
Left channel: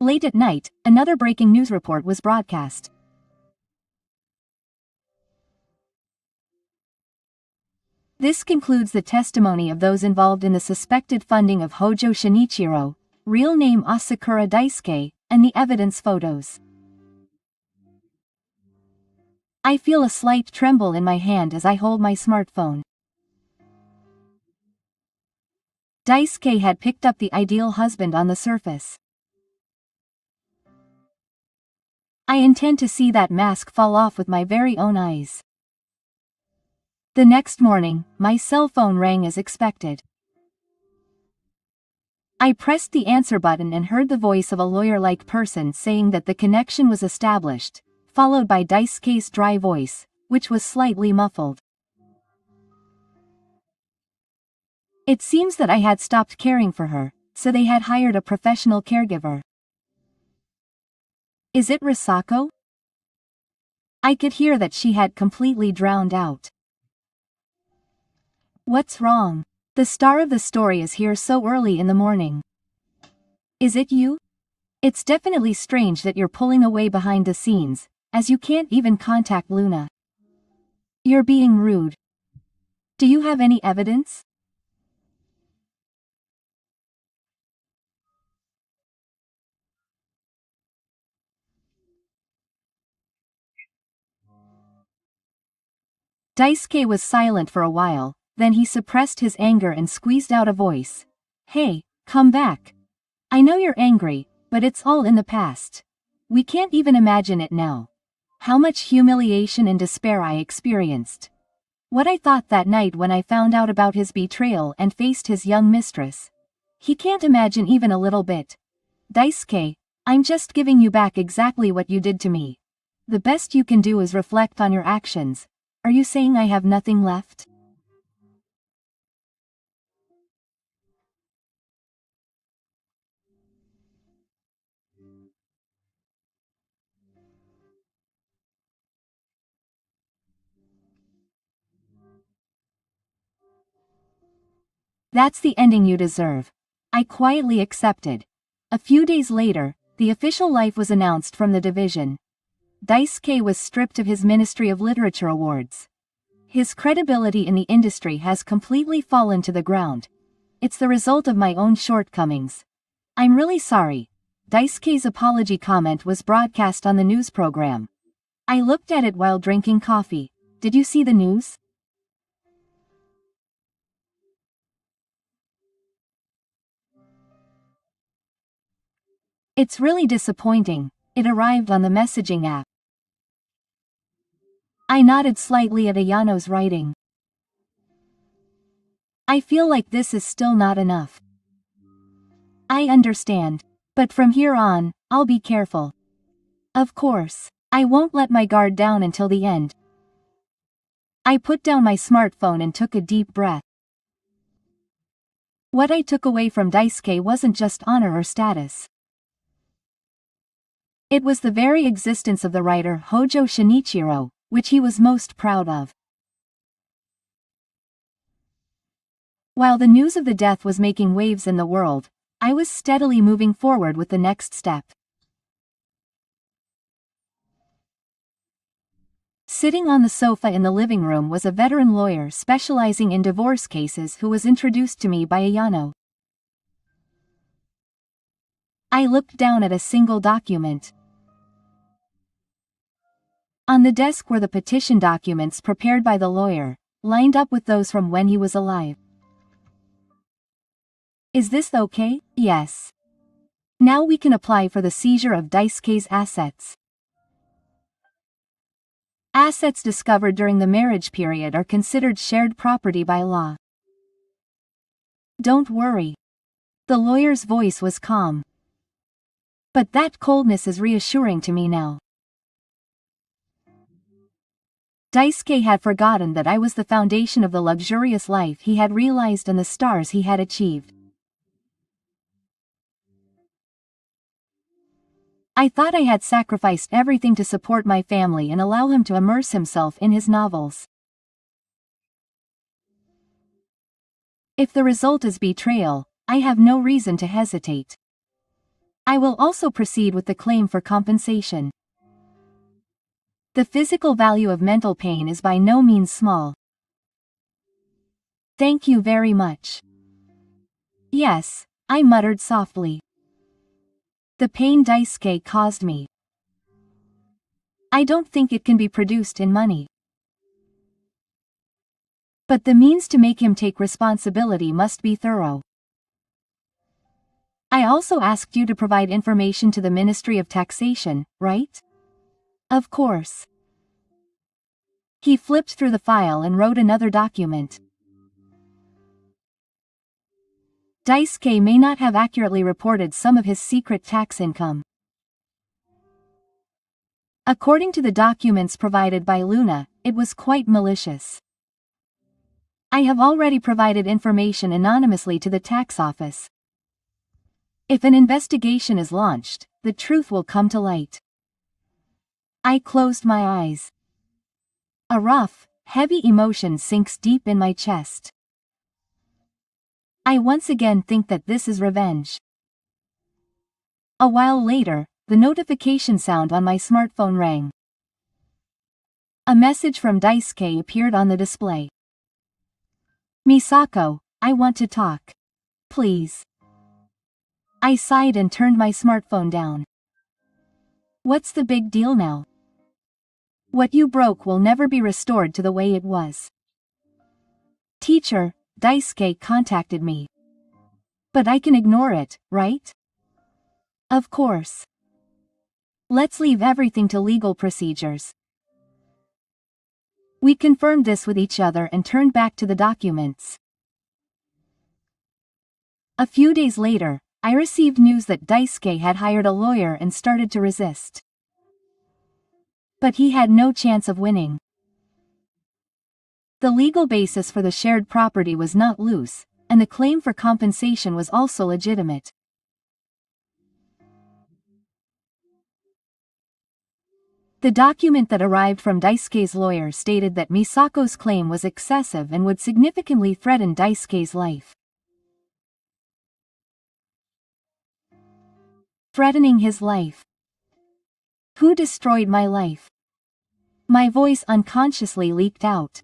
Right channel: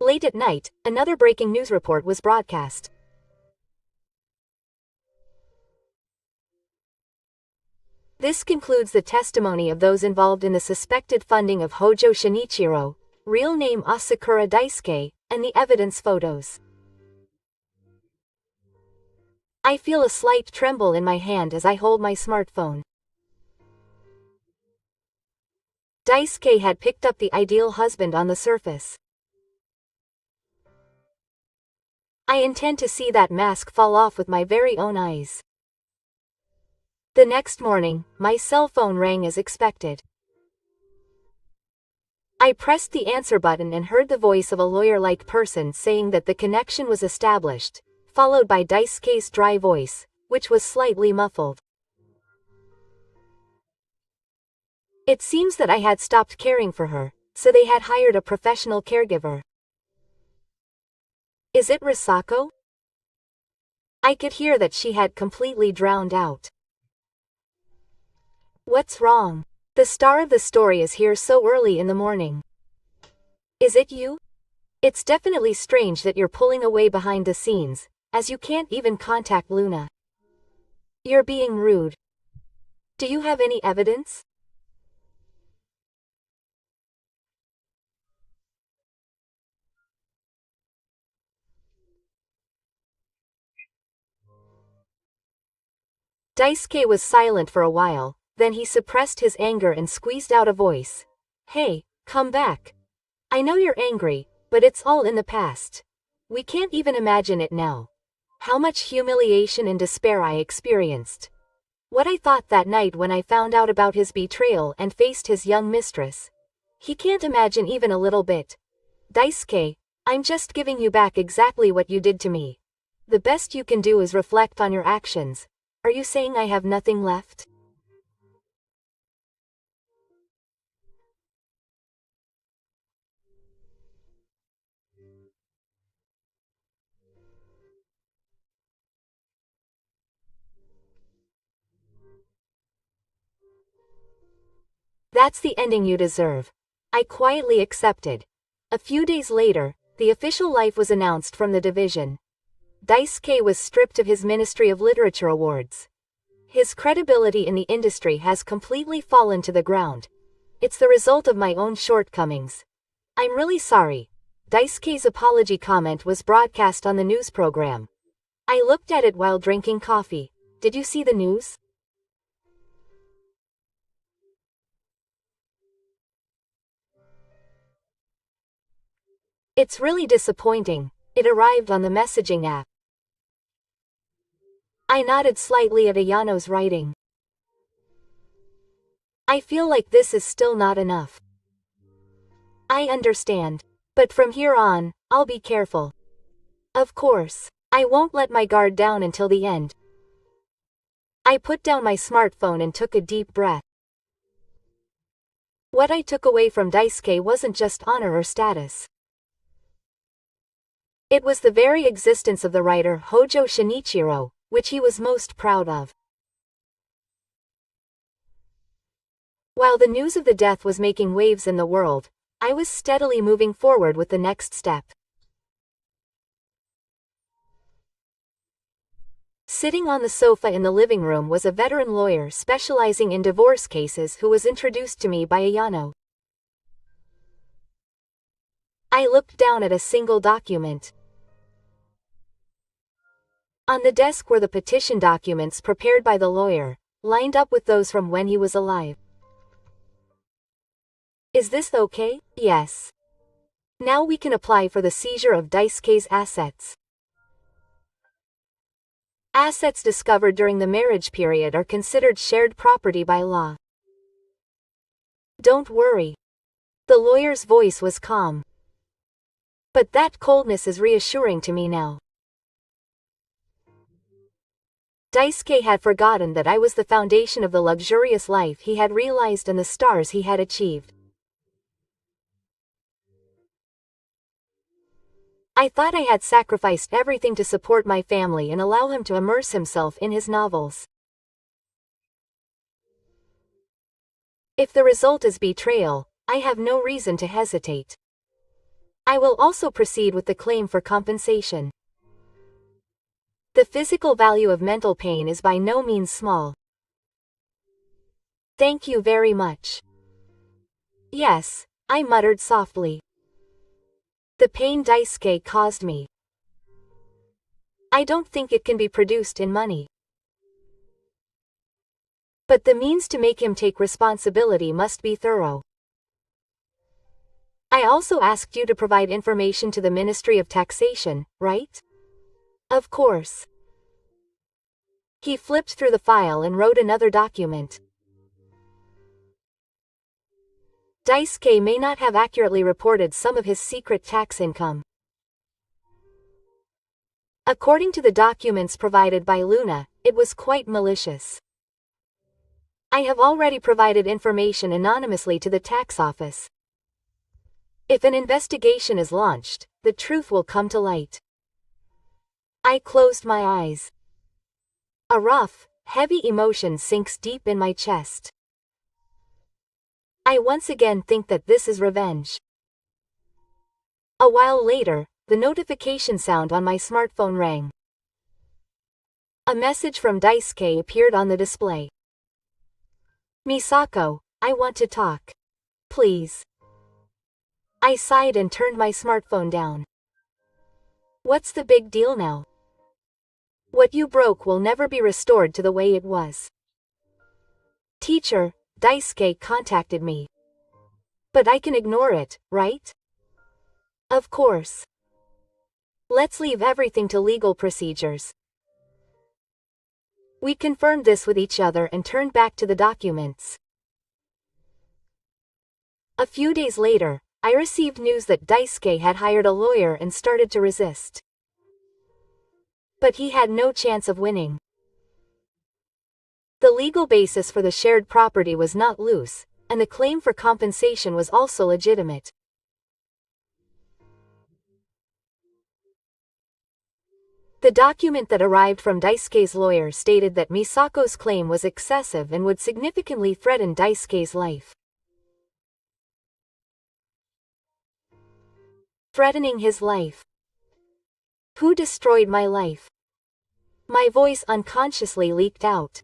Late at night, another breaking news report was broadcast. This concludes the testimony of those involved in the suspected funding of Hojo Shinichiro, real name Asakura Daisuke, and the evidence photos. I feel a slight tremble in my hand as I hold my smartphone. Daisuke had picked up the ideal husband on the surface. I intend to see that mask fall off with my very own eyes. The next morning, my cell phone rang as expected. I pressed the answer button and heard the voice of a lawyer-like person saying that the connection was established, followed by Daisuke's dry voice, which was slightly muffled. It seems that I had stopped caring for her, so they had hired a professional caregiver. Is it Risako? I could hear that she had completely drowned out. What's wrong? The star of the story is here so early in the morning. Is it you? It's definitely strange that you're pulling away behind the scenes, as you can't even contact Luna. You're being rude. Do you have any evidence? Daisuke was silent for a while, then he suppressed his anger and squeezed out a voice. Hey, come back. I know you're angry, but it's all in the past. We can't even imagine it now. How much humiliation and despair I experienced. What I thought that night when I found out about his betrayal and faced his young mistress. He can't imagine even a little bit. Daisuke, I'm just giving you back exactly what you did to me. The best you can do is reflect on your actions. Are you saying I have nothing left? That's the ending you deserve. I quietly accepted. A few days later, the official life was announced from the division. Daisuke was stripped of his Ministry of Literature awards. His credibility in the industry has completely fallen to the ground. It's the result of my own shortcomings. I'm really sorry. Daisuke's apology comment was broadcast on the news program. I looked at it while drinking coffee. Did you see the news? It's really disappointing. It arrived on the messaging app. I nodded slightly at Ayano's writing. I feel like this is still not enough. I understand. But from here on, I'll be careful. Of course, I won't let my guard down until the end. I put down my smartphone and took a deep breath. What I took away from Daisuke wasn't just honor or status. It was the very existence of the writer Hojo Shinichiro, which he was most proud of. While the news of the death was making waves in the world, I was steadily moving forward with the next step. Sitting on the sofa in the living room was a veteran lawyer specializing in divorce cases who was introduced to me by Ayano. I looked down at a single document. On the desk were the petition documents prepared by the lawyer, lined up with those from when he was alive. Is this okay? Yes. Now we can apply for the seizure of Daisuke's assets. Assets discovered during the marriage period are considered shared property by law. Don't worry. The lawyer's voice was calm. But that coldness is reassuring to me now. Daisuke had forgotten that I was the foundation of the luxurious life he had realized and the stars he had achieved. I thought I had sacrificed everything to support my family and allow him to immerse himself in his novels. If the result is betrayal, I have no reason to hesitate. I will also proceed with the claim for compensation. The physical value of mental pain is by no means small. Thank you very much. Yes, I muttered softly. The pain Daisuke caused me. I don't think it can be produced in money. But the means to make him take responsibility must be thorough. I also asked you to provide information to the Ministry of Taxation, right? Of course. He flipped through the file and wrote another document. Daisuke may not have accurately reported some of his secret tax income. According to the documents provided by Luna, it was quite malicious. I have already provided information anonymously to the tax office. If an investigation is launched, the truth will come to light. I closed my eyes. A rough, heavy emotion sinks deep in my chest. I once again think that this is revenge. A while later, the notification sound on my smartphone rang. A message from Daisuke appeared on the display. Misako, I want to talk. Please. I sighed and turned my smartphone down. What's the big deal now? What you broke will never be restored to the way it was. Teacher, Daisuke contacted me. But I can ignore it, right? Of course. Let's leave everything to legal procedures. We confirmed this with each other and turned back to the documents. A few days later, I received news that Daisuke had hired a lawyer and started to resist. But he had no chance of winning. The legal basis for the shared property was not loose, and the claim for compensation was also legitimate. The document that arrived from Daisuke's lawyer stated that Misako's claim was excessive and would significantly threaten Daisuke's life. Threatening his life. Who destroyed my life? My voice unconsciously leaked out.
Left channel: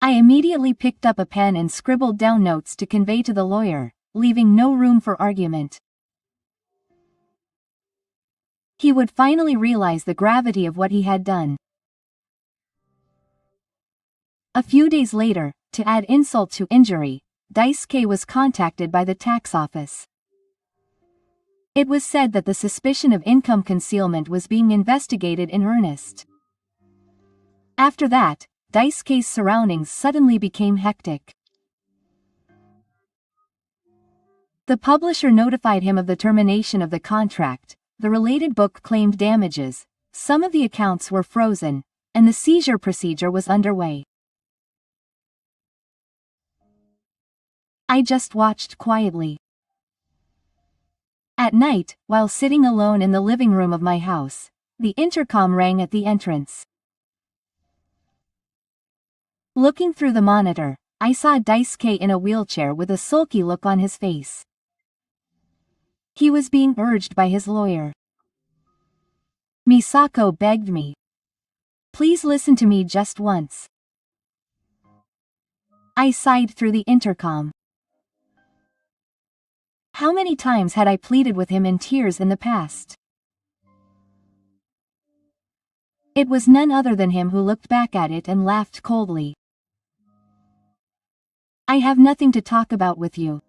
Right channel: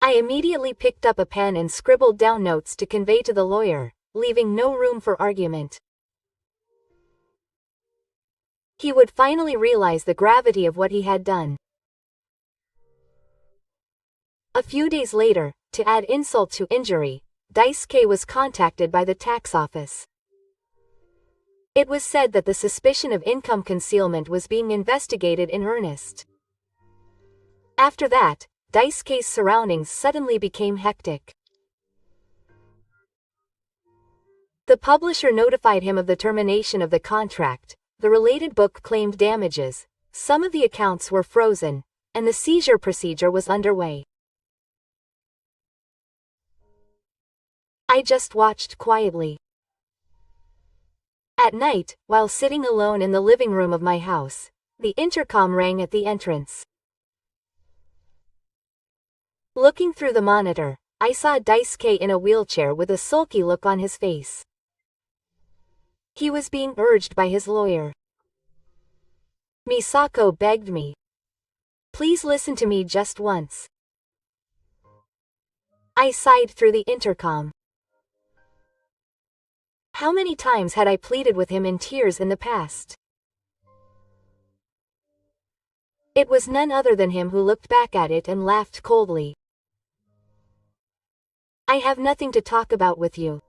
I immediately picked up a pen and scribbled down notes to convey to the lawyer, leaving no room for argument. He would finally realize the gravity of what he had done. A few days later, to add insult to injury, Daisuke was contacted by the tax office. It was said that the suspicion of income concealment was being investigated in earnest. After that, Daisuke's surroundings suddenly became hectic. The publisher notified him of the termination of the contract, the related book claimed damages, some of the accounts were frozen, and the seizure procedure was underway. I just watched quietly. At night, while sitting alone in the living room of my house, the intercom rang at the entrance. Looking through the monitor, I saw Daisuke in a wheelchair with a sulky look on his face. He was being urged by his lawyer. Misako begged me. Please listen to me just once. I sighed through the intercom. How many times had I pleaded with him in tears in the past? It was none other than him who looked back at it and laughed coldly. I have nothing to talk about with you.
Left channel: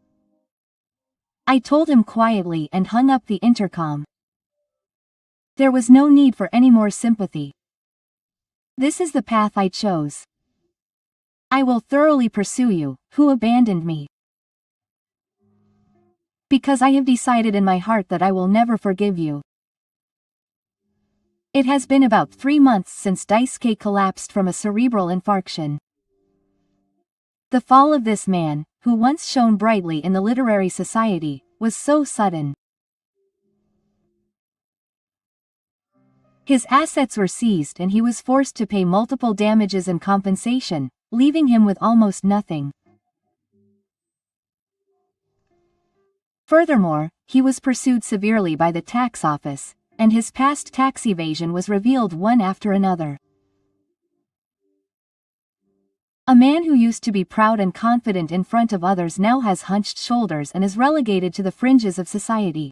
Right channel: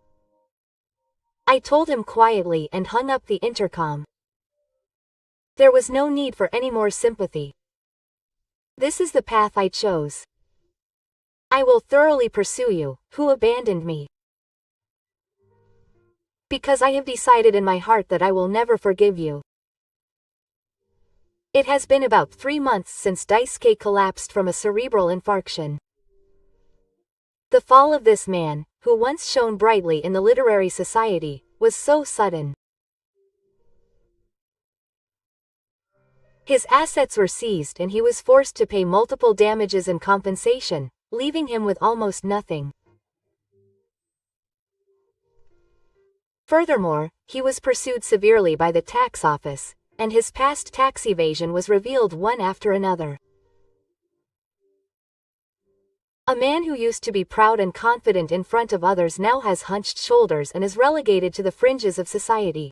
I told him quietly and hung up the intercom. There was no need for any more sympathy. This is the path I chose. I will thoroughly pursue you, who abandoned me. Because I have decided in my heart that I will never forgive you. It has been about 3 months since Daisuke collapsed from a cerebral infarction. The fall of this man, who once shone brightly in the literary society, was so sudden. His assets were seized and he was forced to pay multiple damages and compensation, leaving him with almost nothing. Furthermore, he was pursued severely by the tax office, and his past tax evasion was revealed one after another. A man who used to be proud and confident in front of others now has hunched shoulders and is relegated to the fringes of society.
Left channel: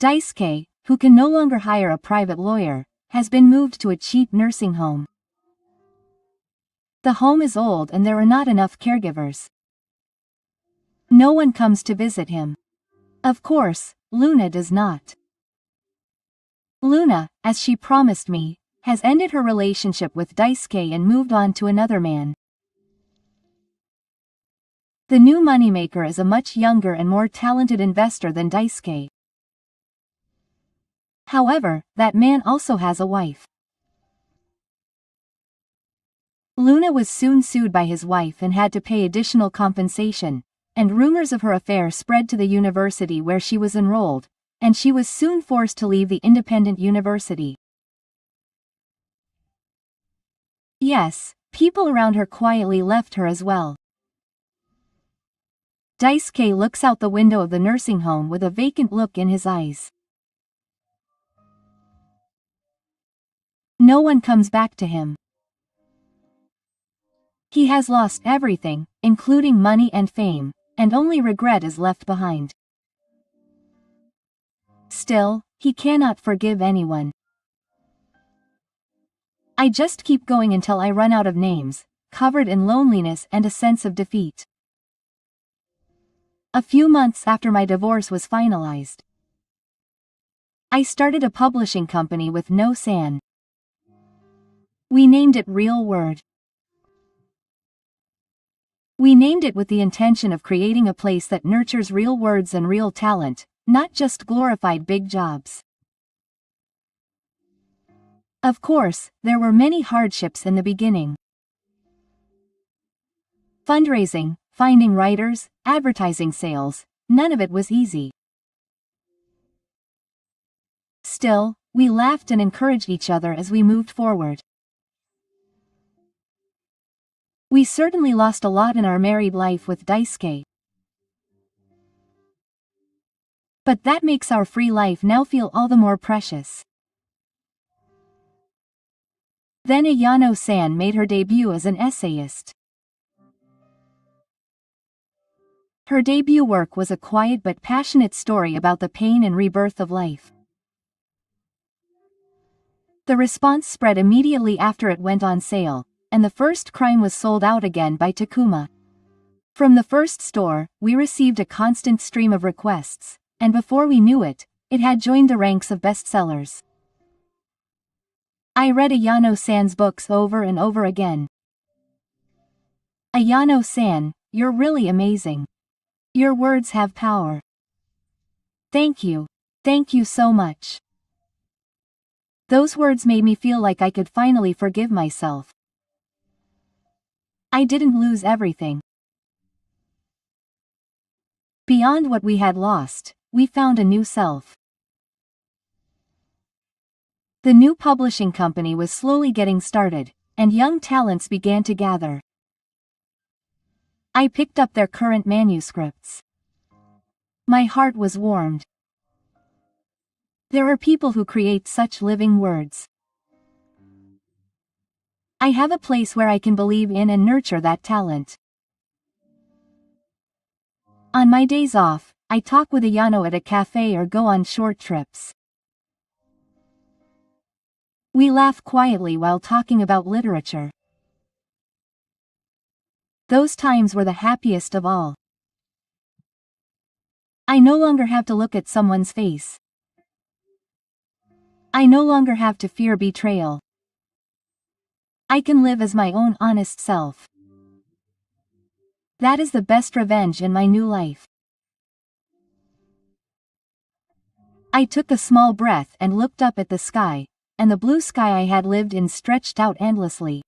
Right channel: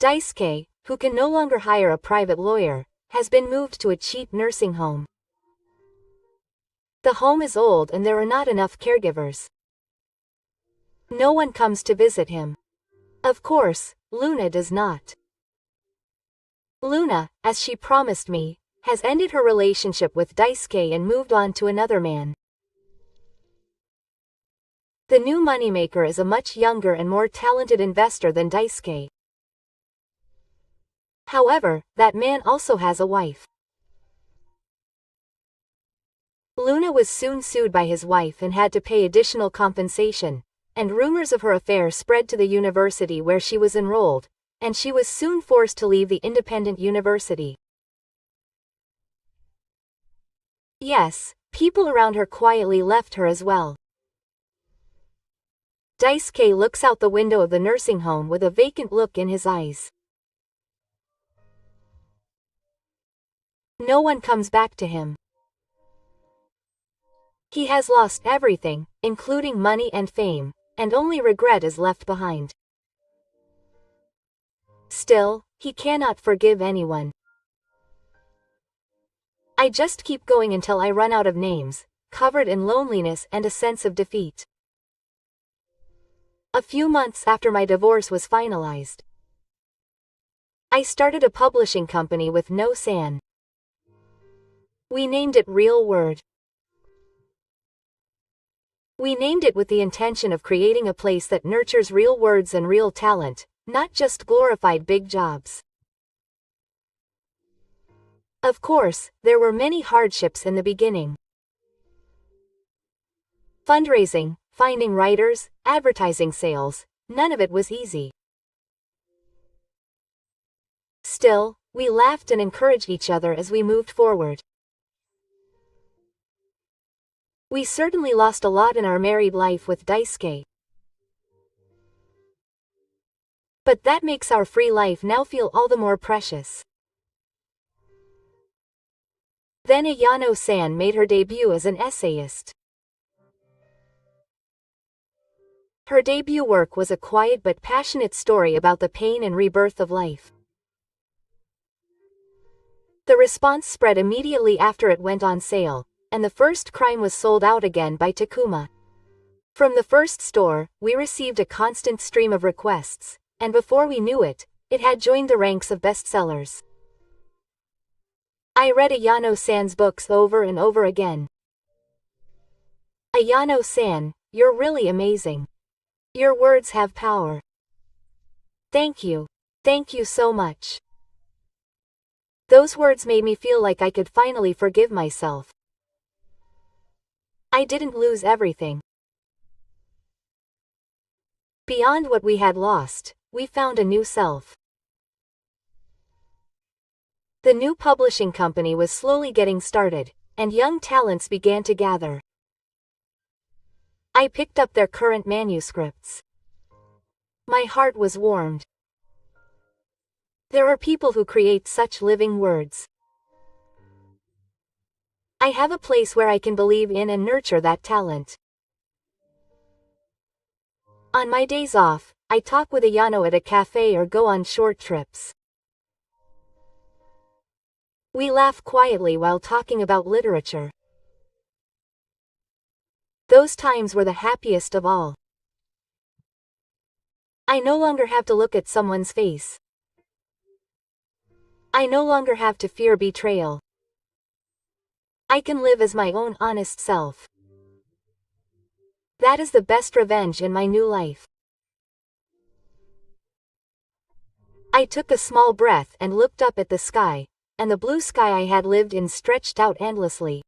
Daisuke, who can no longer hire a private lawyer, has been moved to a cheap nursing home. The home is old and there are not enough caregivers. No one comes to visit him. Of course, Luna does not. Luna, as she promised me, has ended her relationship with Daisuke and moved on to another man. The new moneymaker is a much younger and more talented investor than Daisuke. However, that man also has a wife. Luna was soon sued by his wife and had to pay additional compensation, and rumors of her affair spread to the university where she was enrolled, and she was soon forced to leave the independent university. Yes, people around her quietly left her as well. Daisuke looks out the window of the nursing home with a vacant look in his eyes. No one comes back to him. He has lost everything, including money and fame, and only regret is left behind. Still, he cannot forgive anyone. I just keep going until I run out of names, covered in loneliness and a sense of defeat. A few months after my divorce was finalized, I started a publishing company with no san. We named it Real Word. We named it with the intention of creating a place that nurtures real words and real talent, not just glorified big jobs. Of course, there were many hardships in the beginning. Fundraising, finding writers, advertising sales, none of it was easy. Still, we laughed and encouraged each other as we moved forward. We certainly lost a lot in our married life with Daisuke. But that makes our free life now feel all the more precious. Then Ayano-san made her debut as an essayist. Her debut work was a quiet but passionate story about the pain and rebirth of life. The response spread immediately after it went on sale, and the first crime was sold out again by Takuma. From the first store, we received a constant stream of requests, and before we knew it, it had joined the ranks of bestsellers. I read Ayano-san's books over and over again. Ayano-san, you're really amazing. Your words have power. Thank you. Thank you so much. Those words made me feel like I could finally forgive myself. I didn't lose everything. Beyond what we had lost, we found a new self. The new publishing company was slowly getting started, and young talents began to gather. I picked up their current manuscripts. My heart was warmed. There are people who create such living words. I have a place where I can believe in and nurture that talent. On my days off, I talk with Ayano at a cafe or go on short trips. We laugh quietly while talking about literature. Those times were the happiest of all. I no longer have to look at someone's face. I no longer have to fear betrayal. I can live as my own honest self. That is the best revenge in my new life. I took a small breath and looked up at the sky, and the blue sky I had lived in stretched out endlessly.